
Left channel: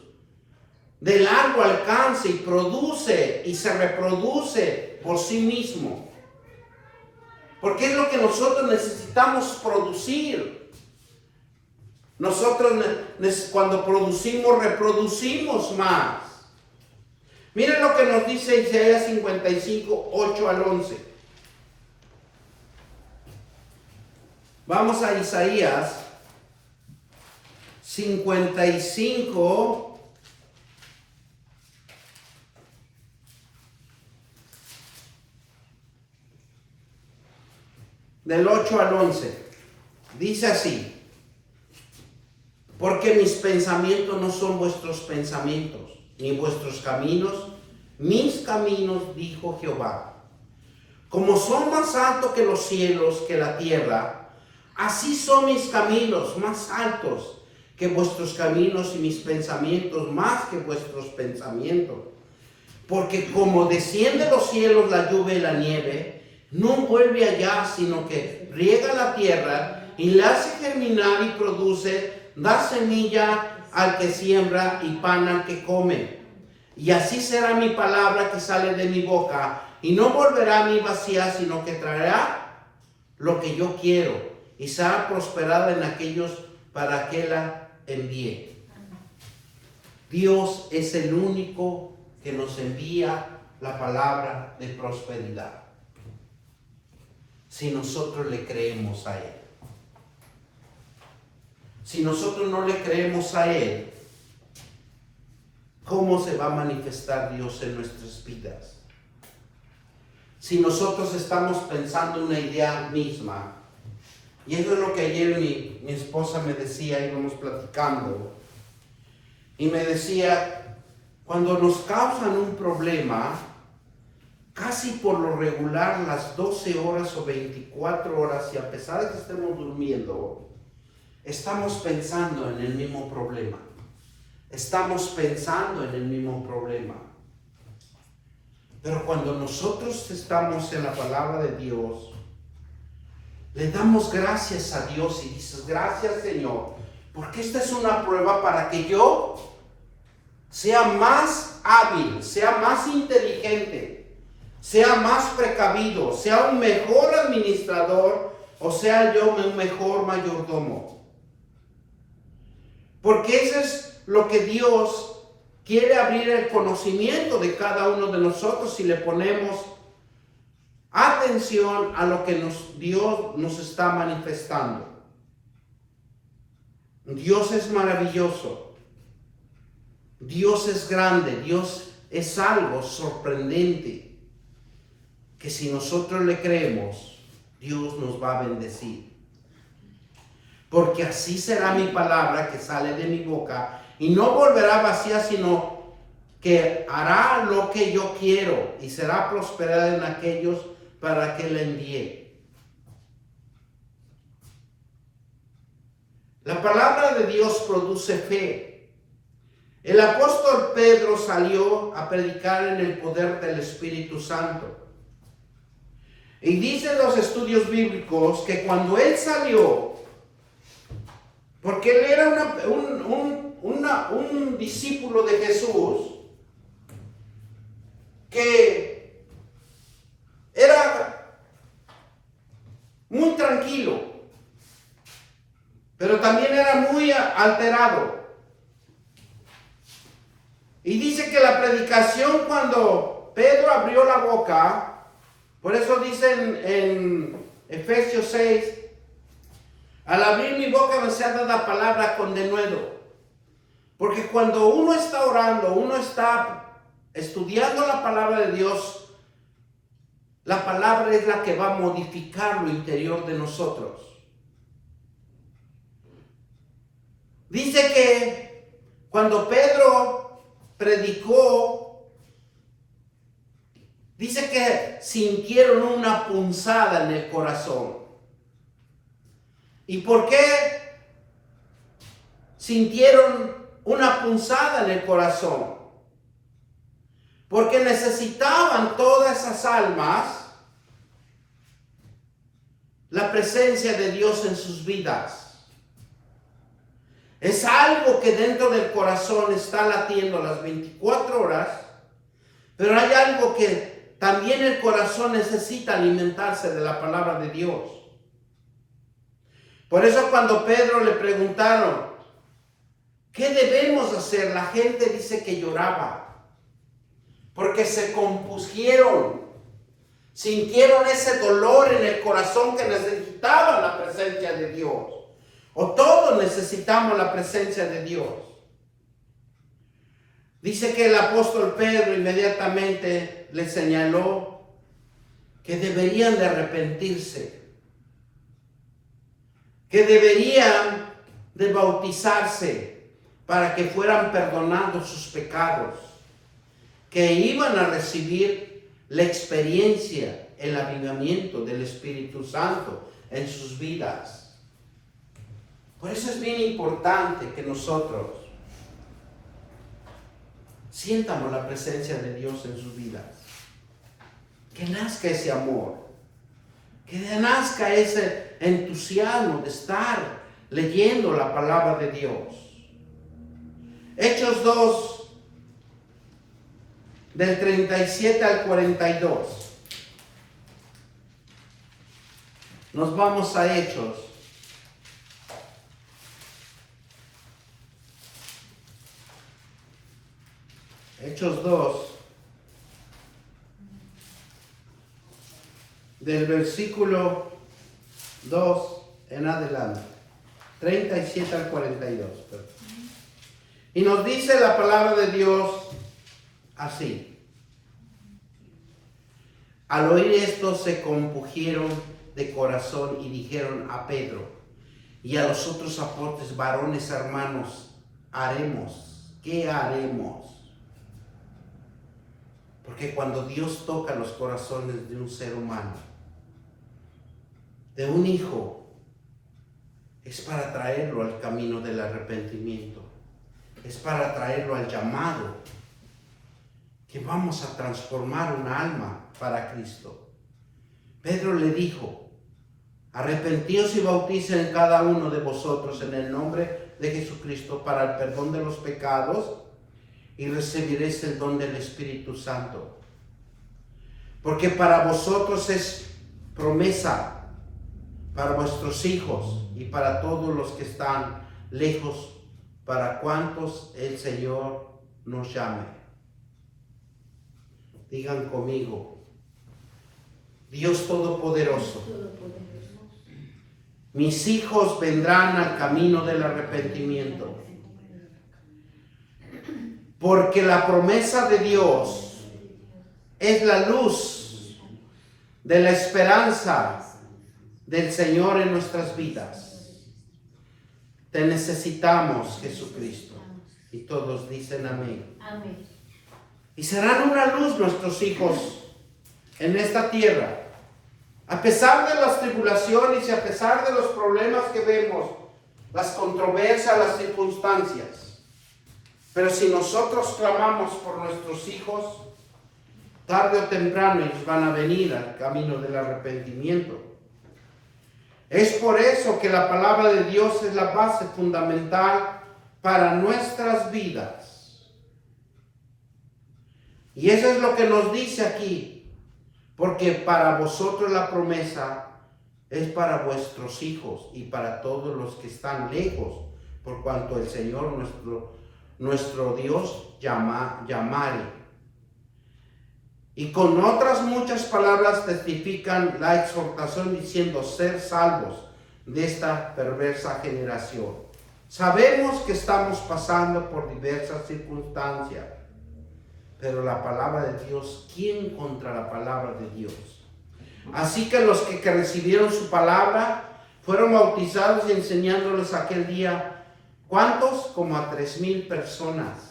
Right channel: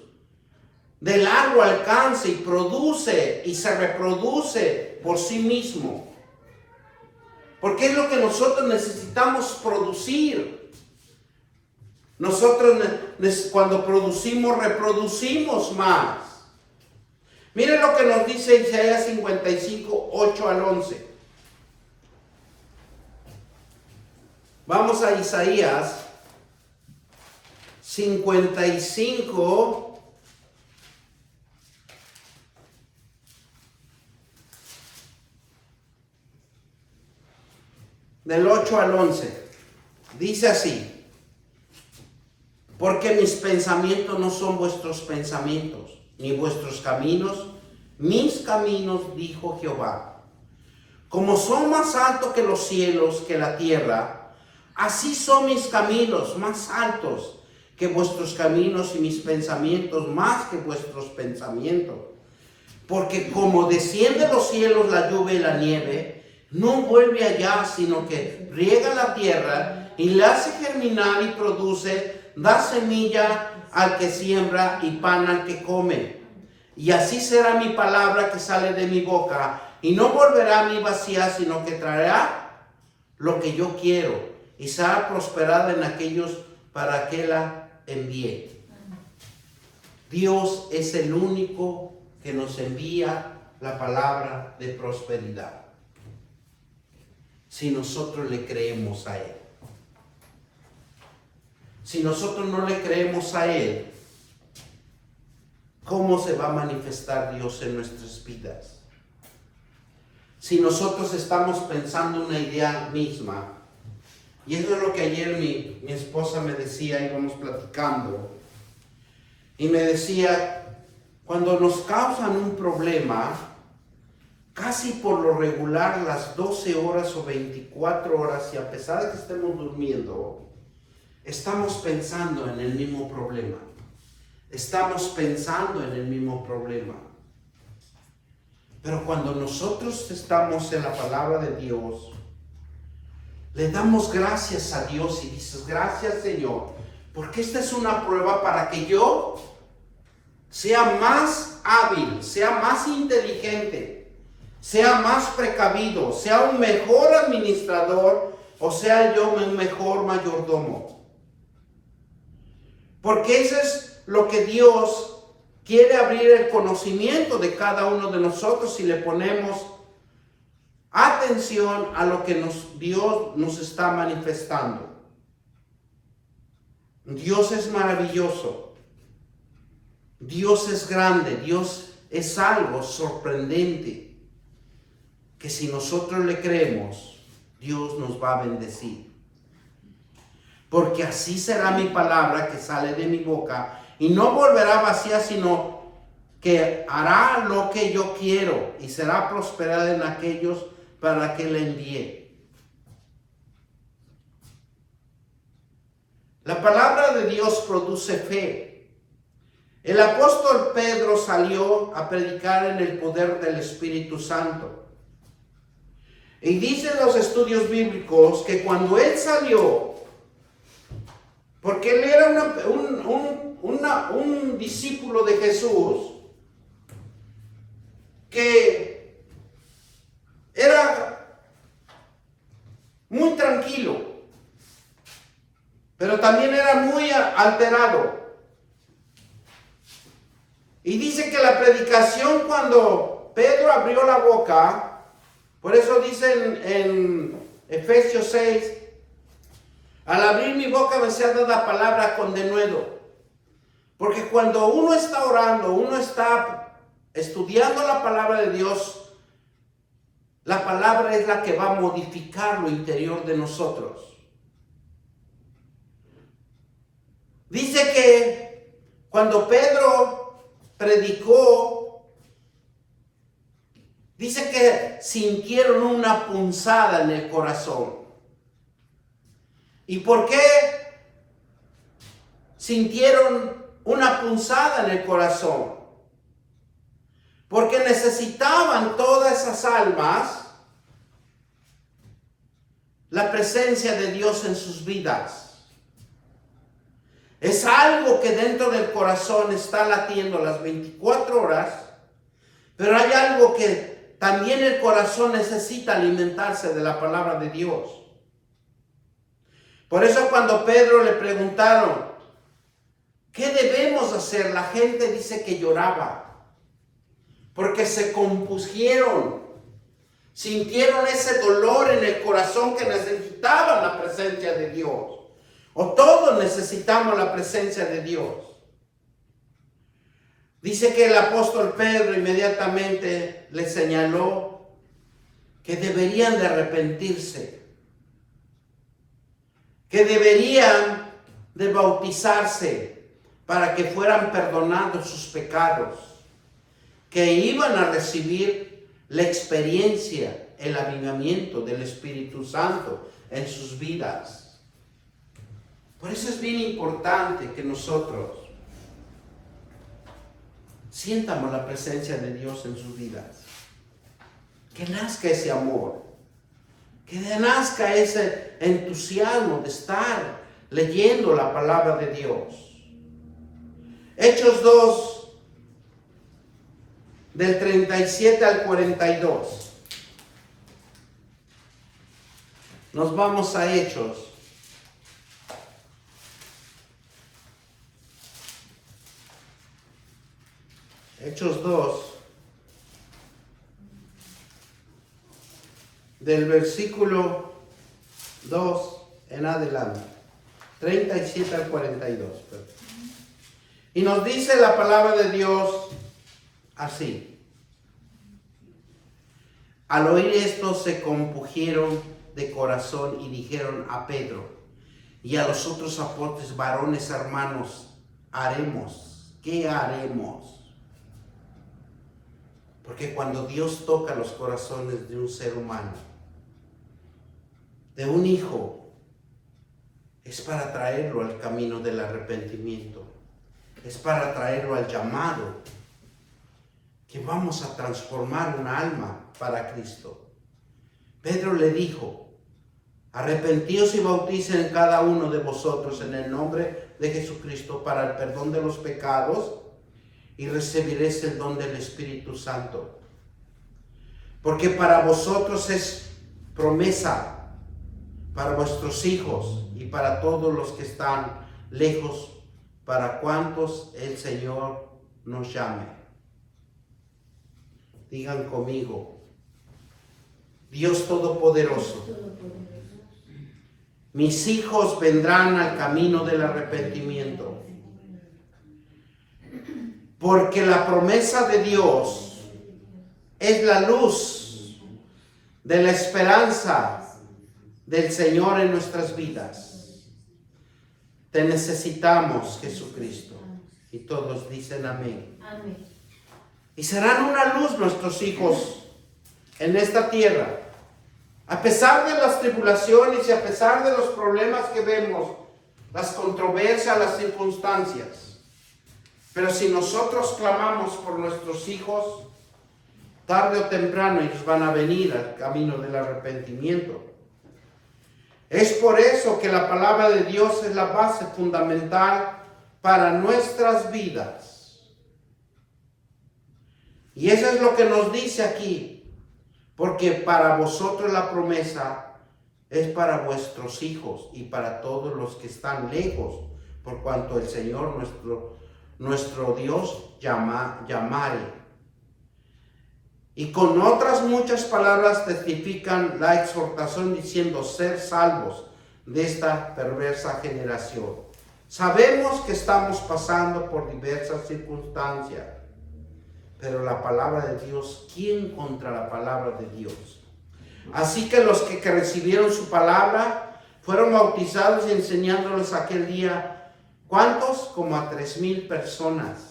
de largo alcance y produce y se reproduce por sí mismo. Porque es lo que nosotros necesitamos producir. Nosotros cuando producimos, reproducimos más. Miren lo que nos dice Isaías 55, 8 al 11. Vamos a Isaías 55, del 8 al 11. Dice así: porque mis pensamientos no son vuestros pensamientos, ni vuestros caminos mis caminos, dijo Jehová. Como son más altos que los cielos, que la tierra, así son mis caminos más altos que vuestros caminos, y mis pensamientos más que vuestros pensamientos. Porque como desciende los cielos la lluvia y la nieve, no vuelve allá, sino que riega la tierra y la hace germinar y produce, da semilla al que siembra y pan al que come. Y así será mi palabra que sale de mi boca, y no volverá a mí vacía, sino que traerá lo que yo quiero, y será prosperada en aquellos para que la envíe. Dios es el único que nos envía la palabra de prosperidad, si nosotros le creemos a Él. Si nosotros no le creemos a Él, ¿cómo se va a manifestar Dios en nuestras vidas? Si nosotros estamos pensando una idea misma, y eso es lo que ayer mi esposa me decía, íbamos platicando, y me decía, cuando nos causan un problema, casi por lo regular las 12 horas o 24 horas, y a pesar de que estemos durmiendo, estamos pensando en el mismo problema. Estamos pensando en el mismo problema. Pero cuando nosotros estamos en la palabra de Dios, le damos gracias a Dios y dices: gracias, Señor, porque esta es una prueba para que yo sea más hábil, sea más inteligente, sea más precavido, sea un mejor administrador, o sea yo un mejor mayordomo. Porque eso es lo que Dios quiere, abrir el conocimiento de cada uno de nosotros si le ponemos atención a lo que Dios nos está manifestando. Dios es maravilloso. Dios es grande. Dios es algo sorprendente que si nosotros le creemos, Dios nos va a bendecir. Porque así será mi palabra que sale de mi boca, y no volverá vacía, sino que hará lo que yo quiero, y será prosperada en aquellos para que le envíe. La palabra de Dios produce fe. El apóstol Pedro salió a predicar en el poder del Espíritu Santo. Y dicen los estudios bíblicos que cuando él salió, porque él era un discípulo de Jesús, que era muy tranquilo, pero también era muy alterado. Y dice que la predicación, cuando Pedro abrió la boca, por eso dice en Efesios 6, al abrir mi boca me sea dada palabra con denuedo. Porque cuando uno está orando, uno está estudiando la palabra de Dios, la palabra es la que va a modificar lo interior de nosotros. Dice que cuando Pedro predicó, dice que sintieron una punzada en el corazón. ¿Y por qué sintieron una punzada en el corazón? Porque necesitaban todas esas almas la presencia de Dios en sus vidas. Es algo que dentro del corazón está latiendo las 24 horas, pero hay algo que también el corazón necesita alimentarse de la palabra de Dios. Por eso cuando Pedro le preguntaron, ¿qué debemos hacer? La gente dice que lloraba, porque se compusieron, sintieron ese dolor en el corazón que necesitaban la presencia de Dios. O todos necesitamos la presencia de Dios. Dice que el apóstol Pedro inmediatamente le señaló que deberían de arrepentirse. que deberían de bautizarse para que fueran perdonados sus pecados, que iban a recibir la experiencia, el avivamiento del Espíritu Santo en sus vidas. Por eso es bien importante que nosotros sientamos la presencia de Dios en sus vidas, que nazca ese amor, que nazca ese entusiasmo de estar leyendo la palabra de Dios. Hechos 2, del 37 al 42. Nos vamos a Hechos. Hechos 2, del versículo 2 en adelante, 37 al 42. Y nos dice la palabra de Dios así. Al oír esto se compungieron de corazón y dijeron a Pedro y a los otros apóstoles: varones hermanos, ¿qué haremos? Porque cuando Dios toca los corazones de un ser humano, de un hijo, es para traerlo al camino del arrepentimiento, es para traerlo al llamado, que vamos a transformar un alma para Cristo. Pedro le dijo: arrepentíos y bauticen cada uno de vosotros en el nombre de Jesucristo para el perdón de los pecados, y recibiréis el don del Espíritu Santo. Porque para vosotros es promesa, para vuestros hijos y para todos los que están lejos, para cuantos el Señor nos llame. Digan conmigo: Dios Todopoderoso, mis hijos vendrán al camino del arrepentimiento. Porque la promesa de Dios es la luz de la esperanza del Señor en nuestras vidas. Te necesitamos, Jesucristo. Y todos dicen amén. Amén. Y serán una luz nuestros hijos en esta tierra. A pesar de las tribulaciones y a pesar de los problemas que vemos, las controversias, las circunstancias. Pero si nosotros clamamos por nuestros hijos, tarde o temprano ellos van a venir al camino del arrepentimiento. Es por eso que la palabra de Dios es la base fundamental para nuestras vidas. Y eso es lo que nos dice aquí. Porque para vosotros la promesa es para vuestros hijos y para todos los que están lejos, por cuanto el Señor nuestro Dios llamare. Y con otras muchas palabras testifican la exhortación diciendo: ser salvos de esta perversa generación. Sabemos que estamos pasando por diversas circunstancias, pero la palabra de Dios, ¿quién contra la palabra de Dios? Así que los que recibieron su palabra fueron bautizados y enseñándoles aquel día, ¿cuántos? Como a 3,000 personas.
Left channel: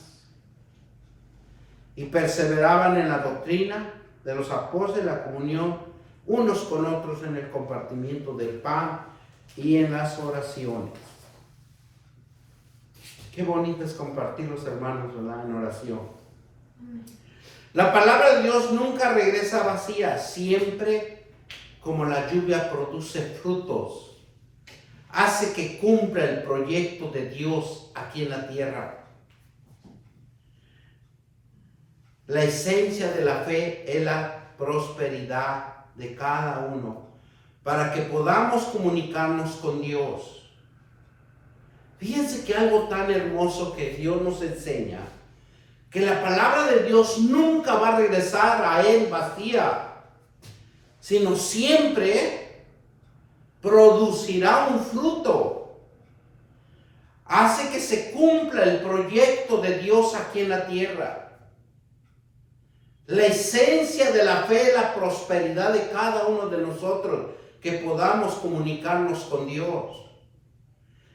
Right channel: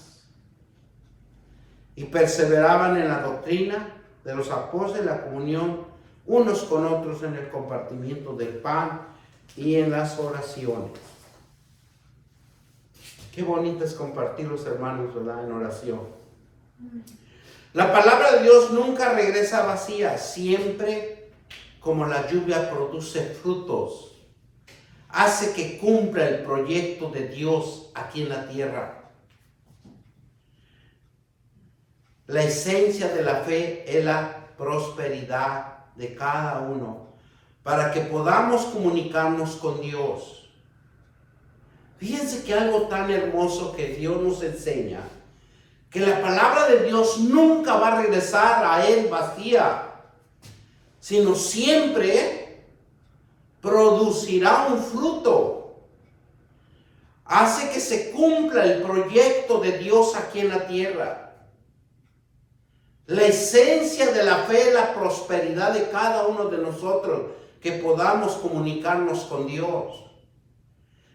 Y perseveraban en la doctrina de los apóstoles, la comunión unos con otros, en el compartimiento del pan y en las oraciones. Qué bonito es compartir, los hermanos, ¿verdad?, en oración. La palabra de Dios nunca regresa vacía, siempre como la lluvia produce frutos, hace que cumpla el proyecto de Dios aquí en la tierra. La esencia de la fe es la prosperidad de cada uno, para que podamos comunicarnos con Dios. Fíjense que algo tan hermoso que Dios nos enseña, que la palabra de Dios nunca va a regresar a Él vacía, sino siempre producirá un fruto. Hace que se cumpla el proyecto de Dios aquí en la tierra. La esencia de la fe es la prosperidad de cada uno de nosotros, que podamos comunicarnos con Dios.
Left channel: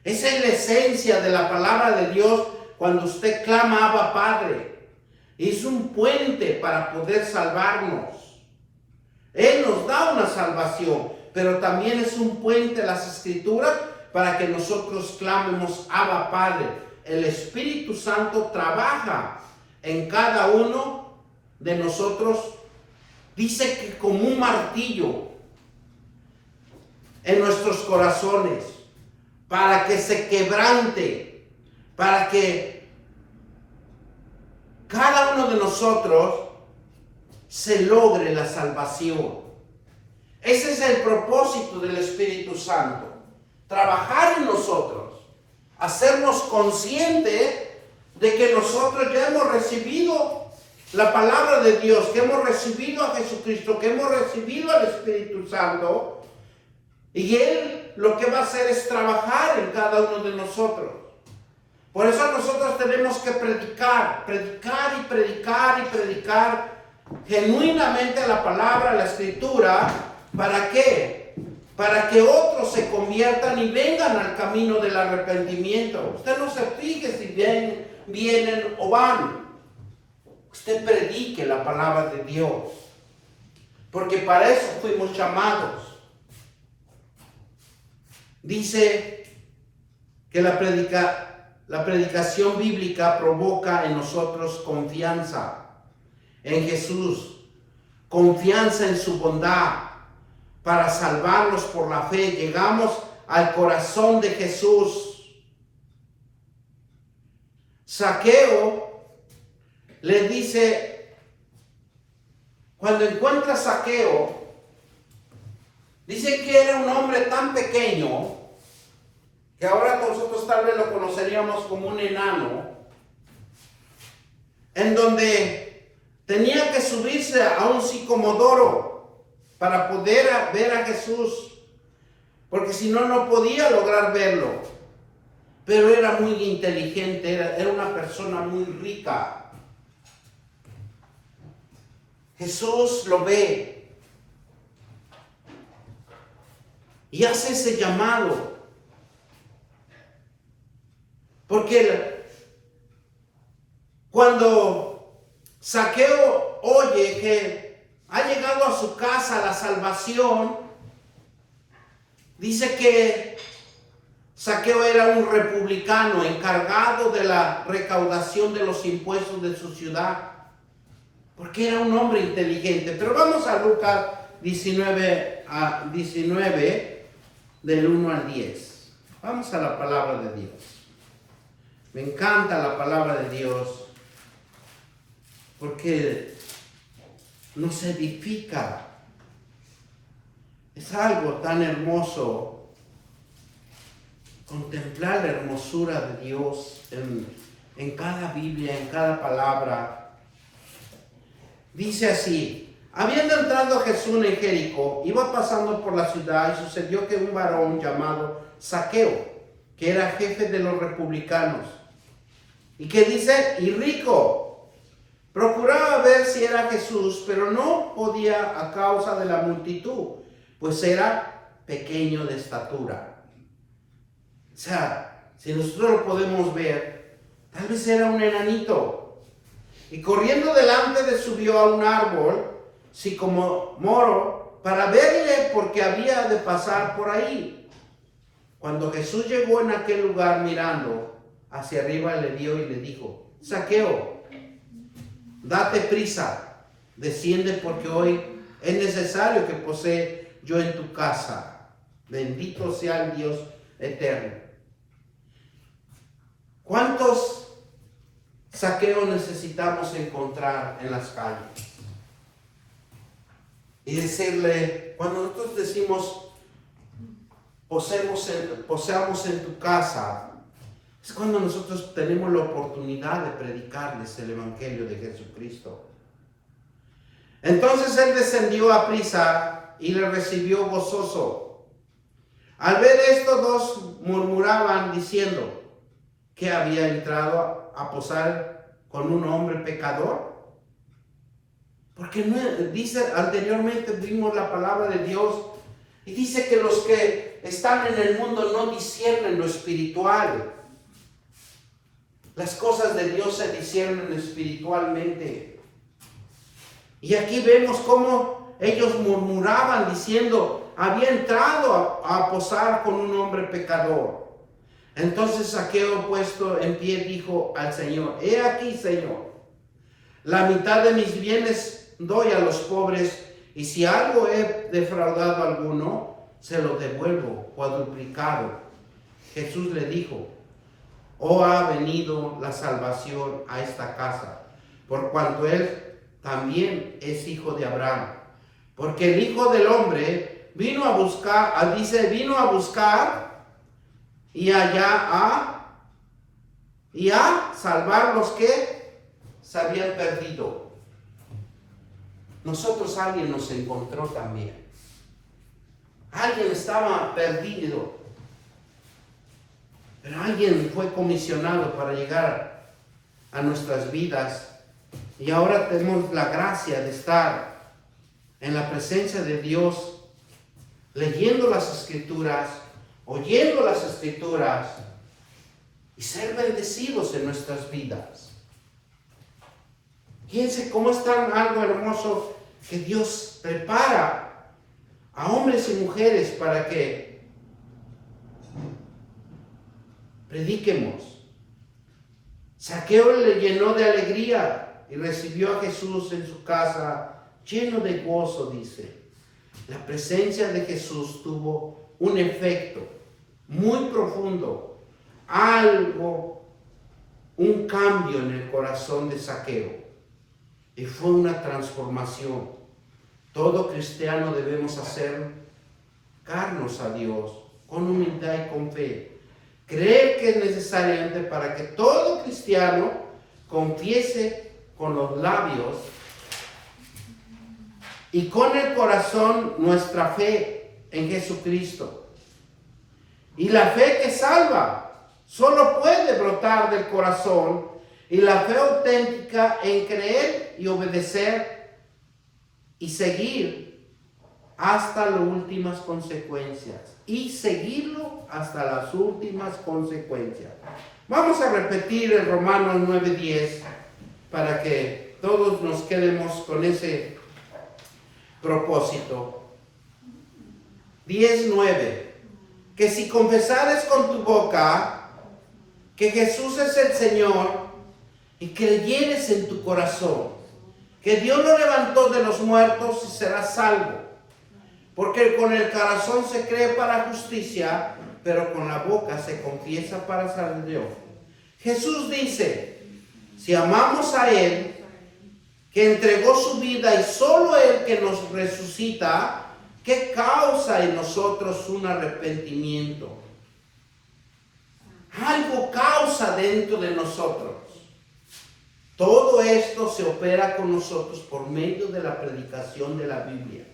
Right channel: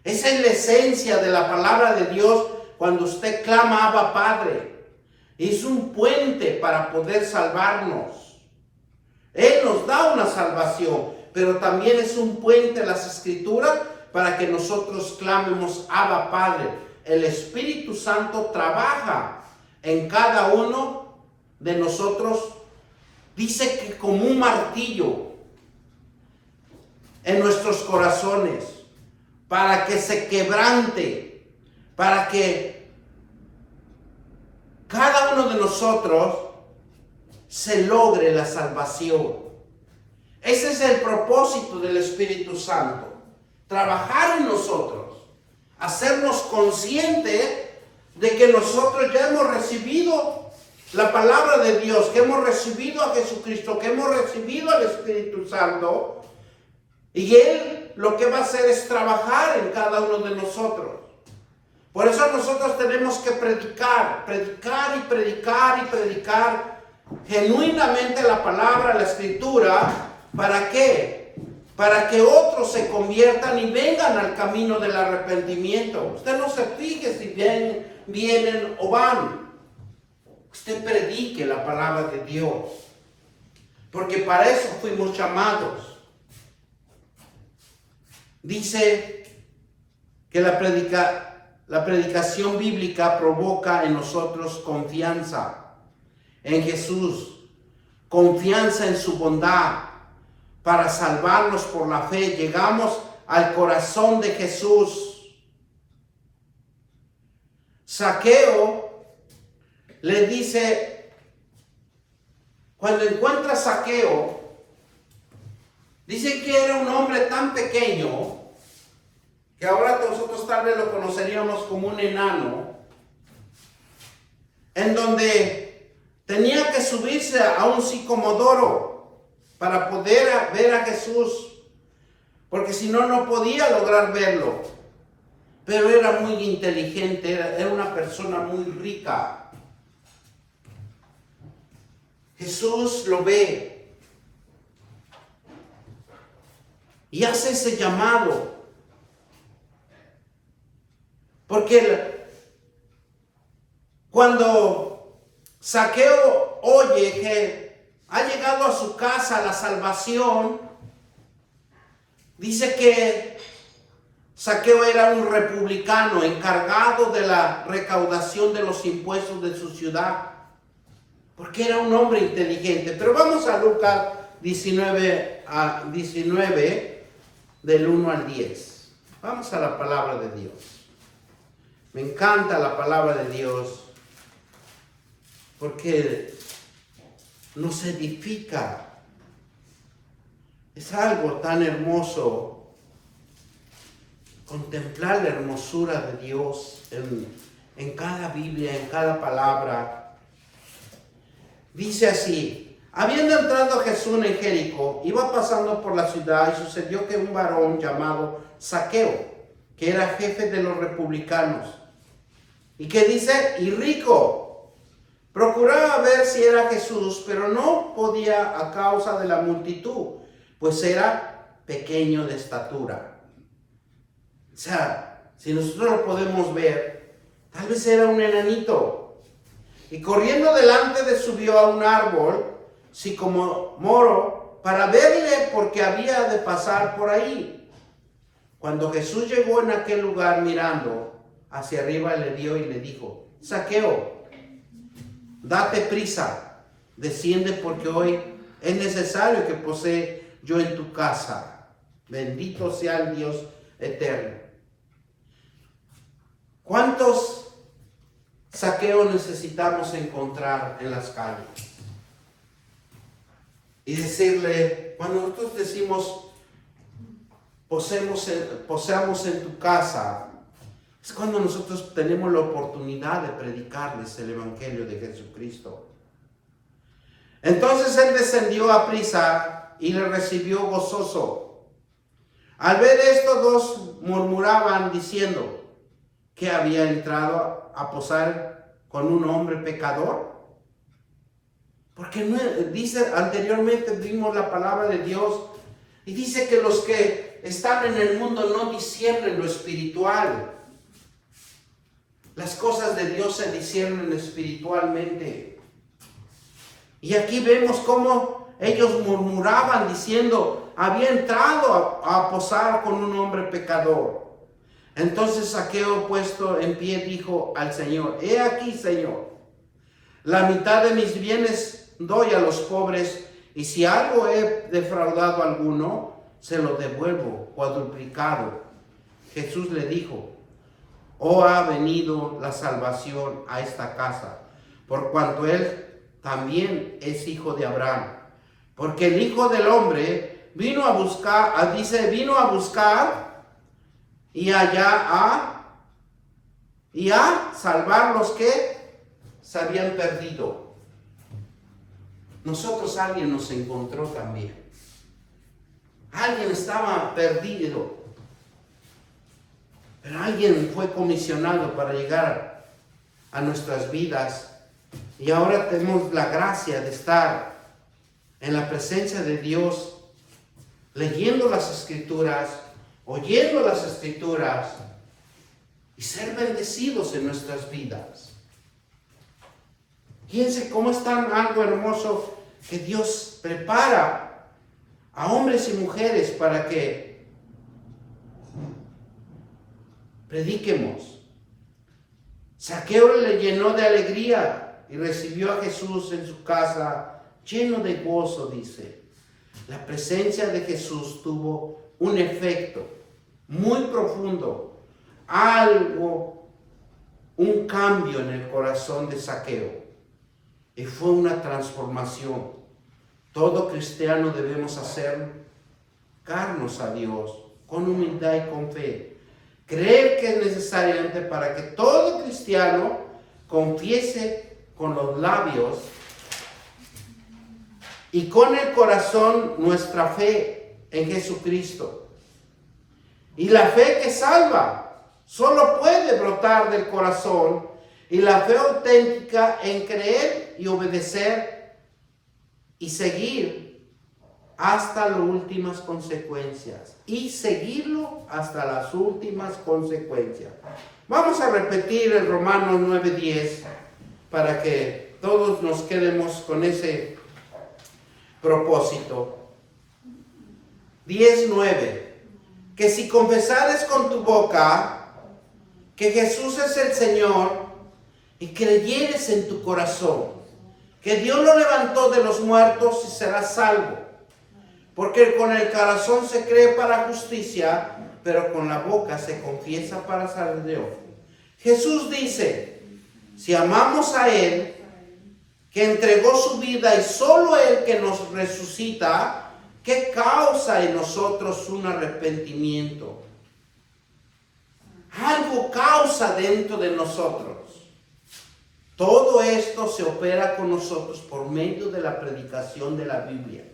Esa es la esencia de la palabra de Dios cuando usted clama Abba Padre. Es un puente para poder salvarnos. Él nos da una salvación, pero también es un puente en las Escrituras para que nosotros clamemos Abba Padre. El Espíritu Santo trabaja en cada uno de nosotros. Dice que como un martillo en nuestros corazones, para que se quebrante, para que cada uno de nosotros se logre la salvación. Ese es el propósito del Espíritu Santo, trabajar en nosotros, hacernos conscientes de que nosotros ya hemos recibido la palabra de Dios, que hemos recibido a Jesucristo, que hemos recibido al Espíritu Santo, y Él lo que va a hacer es trabajar en cada uno de nosotros. Por eso nosotros tenemos que predicar genuinamente la palabra, la Escritura. ¿Para qué? Para que otros se conviertan y vengan al camino del arrepentimiento. Usted no se fije si vienen o van. Usted predique la palabra de Dios, porque para eso fuimos llamados. Dice que la predicación bíblica provoca en nosotros confianza en Jesús, confianza en su bondad para salvarnos por la fe. Llegamos al corazón de Jesús. Zaqueo le dice, cuando encuentra a Zaqueo, dice que era un hombre tan pequeño que ahora nosotros tal vez lo conoceríamos como un enano, en donde tenía que subirse a un sicomodoro para poder ver a Jesús, porque si no, no podía lograr verlo. Pero era muy inteligente, era una persona muy rica. Jesús lo ve y hace ese llamado, porque cuando Zaqueo oye que ha llegado a su casa la salvación, dice que Zaqueo era un republicano encargado de la recaudación de los impuestos de su ciudad, porque era un hombre inteligente. Pero vamos a Lucas 19, del 1 al 10. Vamos a la palabra de Dios. Me encanta la palabra de Dios, porque nos edifica. Es algo tan hermoso contemplar la hermosura de Dios en cada Biblia, en cada palabra. Dice así: habiendo entrado Jesús en Jericó, iba pasando por la ciudad, y sucedió que un varón llamado Zaqueo, que era jefe de los republicanos, y que dice, y rico, procuraba ver si era Jesús, pero no podía a causa de la multitud, pues era pequeño de estatura. O sea, si nosotros lo podemos ver, tal vez era un enanito. Y corriendo delante subió a un árbol, sicomoro, para verle, porque había de pasar por ahí. Cuando Jesús llegó en aquel lugar, mirando hacia arriba, le vio y le dijo: Zaqueo, date prisa, desciende, porque hoy es necesario que posee yo en tu casa. Bendito sea el Dios eterno. ¿Cuántos Zaqueos necesitamos encontrar en las calles? Y decirle, cuando nosotros decimos poseamos en tu casa, es cuando nosotros tenemos la oportunidad de predicarles el Evangelio de Jesucristo. Entonces él descendió a prisa y le recibió gozoso. Al ver esto, dos murmuraban diciendo que había entrado a posar con un hombre pecador. Porque no, dice, anteriormente vimos la palabra de Dios y dice que los que están en el mundo no disciernen lo espiritual. Las cosas de Dios se disciernen espiritualmente. Y aquí vemos cómo ellos murmuraban diciendo, había entrado a posar con un hombre pecador. Entonces Zaqueo, puesto en pie, dijo al Señor, he aquí, Señor, la mitad de mis bienes doy a los pobres, y si algo he defraudado a alguno, se lo devuelvo cuadruplicado. Jesús le dijo, ha venido la salvación a esta casa, por cuanto él también es hijo de Abraham. Porque el Hijo del Hombre vino a buscar y a salvar los que se habían perdido. Nosotros, alguien nos encontró también. Alguien estaba perdido. Pero alguien fue comisionado para llegar a nuestras vidas. Y ahora tenemos la gracia de estar en la presencia de Dios, leyendo las Escrituras, oyendo las Escrituras y ser bendecidos en nuestras vidas. Fíjense cómo es tan algo hermoso que Dios prepara a hombres y mujeres para que prediquemos. Zaqueo le llenó de alegría y recibió a Jesús en su casa lleno de gozo, dice. La presencia de Jesús tuvo un efecto muy profundo, un cambio en el corazón de Zaqueo. Y fue una transformación. Todo cristiano debemos acercarnos a Dios con humildad y con fe. Creer que es necesariamente para que todo cristiano confiese con los labios y con el corazón nuestra fe en Jesucristo. Y la fe que salva solo puede brotar del corazón, y la fe auténtica en creer y obedecer y seguir hasta las últimas consecuencias. Y seguirlo hasta las últimas consecuencias. Vamos a repetir el Romanos 9:10 para que todos nos quedemos con ese propósito. 10:9. Que si confesares con tu boca que Jesús es el Señor y creyeres en tu corazón que Dios lo levantó de los muertos, y serás salvo. Porque con el corazón se cree para justicia, pero con la boca se confiesa para salvación. Jesús dice, si amamos a Él, que entregó su vida, y solo Él que nos resucita, ¿qué causa en nosotros un arrepentimiento? Algo causa dentro de nosotros. Todo esto se opera con nosotros por medio de la predicación de la Biblia,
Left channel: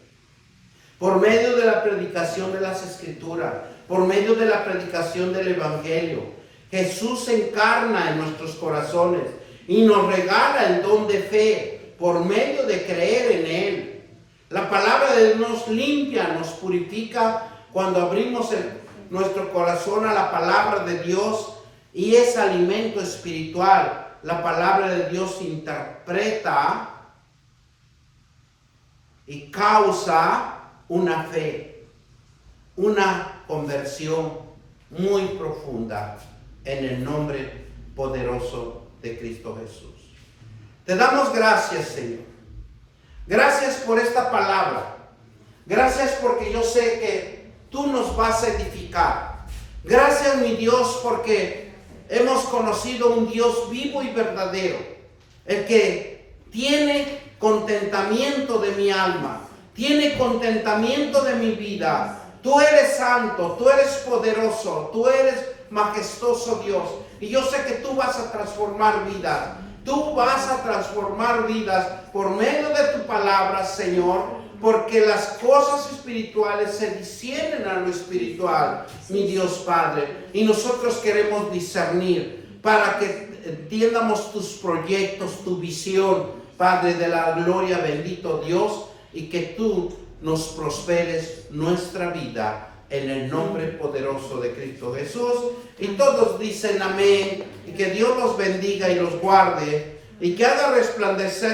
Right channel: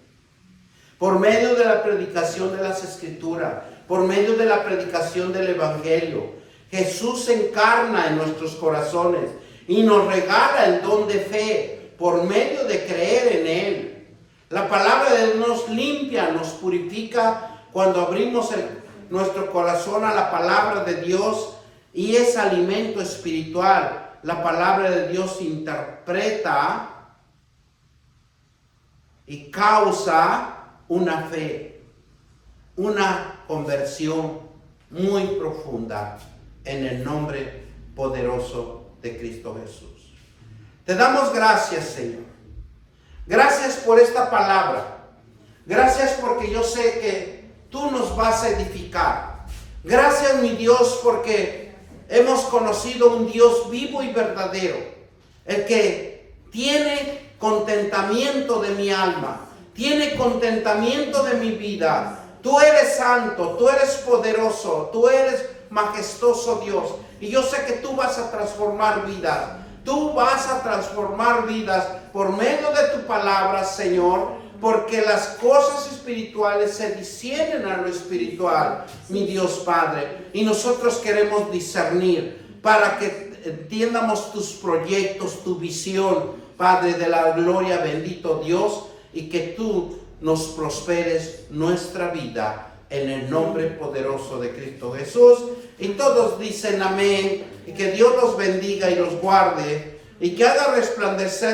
por medio de la predicación de las Escrituras, por medio de la predicación del Evangelio. Jesús se encarna en nuestros corazones y nos regala el don de fe por medio de creer en Él. La palabra de Dios nos limpia, nos purifica cuando abrimos nuestro corazón a la palabra de Dios, y es alimento espiritual. La palabra de Dios interpreta y causa una fe, una conversión muy profunda en el nombre poderoso de Cristo Jesús. Te damos gracias, Señor. Gracias por esta palabra. Gracias porque yo sé que tú nos vas a edificar. Gracias, mi Dios, porque hemos conocido un Dios vivo y verdadero, el que tiene contentamiento de mi alma, tiene contentamiento de mi vida. Tú eres santo, tú eres poderoso, tú eres majestuoso, Dios, y yo sé que tú vas a transformar vidas. Tú vas a transformar vidas por medio de tu palabra, Señor, porque las cosas espirituales se disciernen a lo espiritual, mi Dios Padre, y nosotros queremos discernir para que entiendamos tus proyectos, tu visión, Padre de la gloria, bendito Dios, y que tú nos prosperes nuestra vida en el nombre poderoso de Cristo Jesús. Y todos dicen amén, y que Dios los bendiga y los guarde, y que haga resplandecer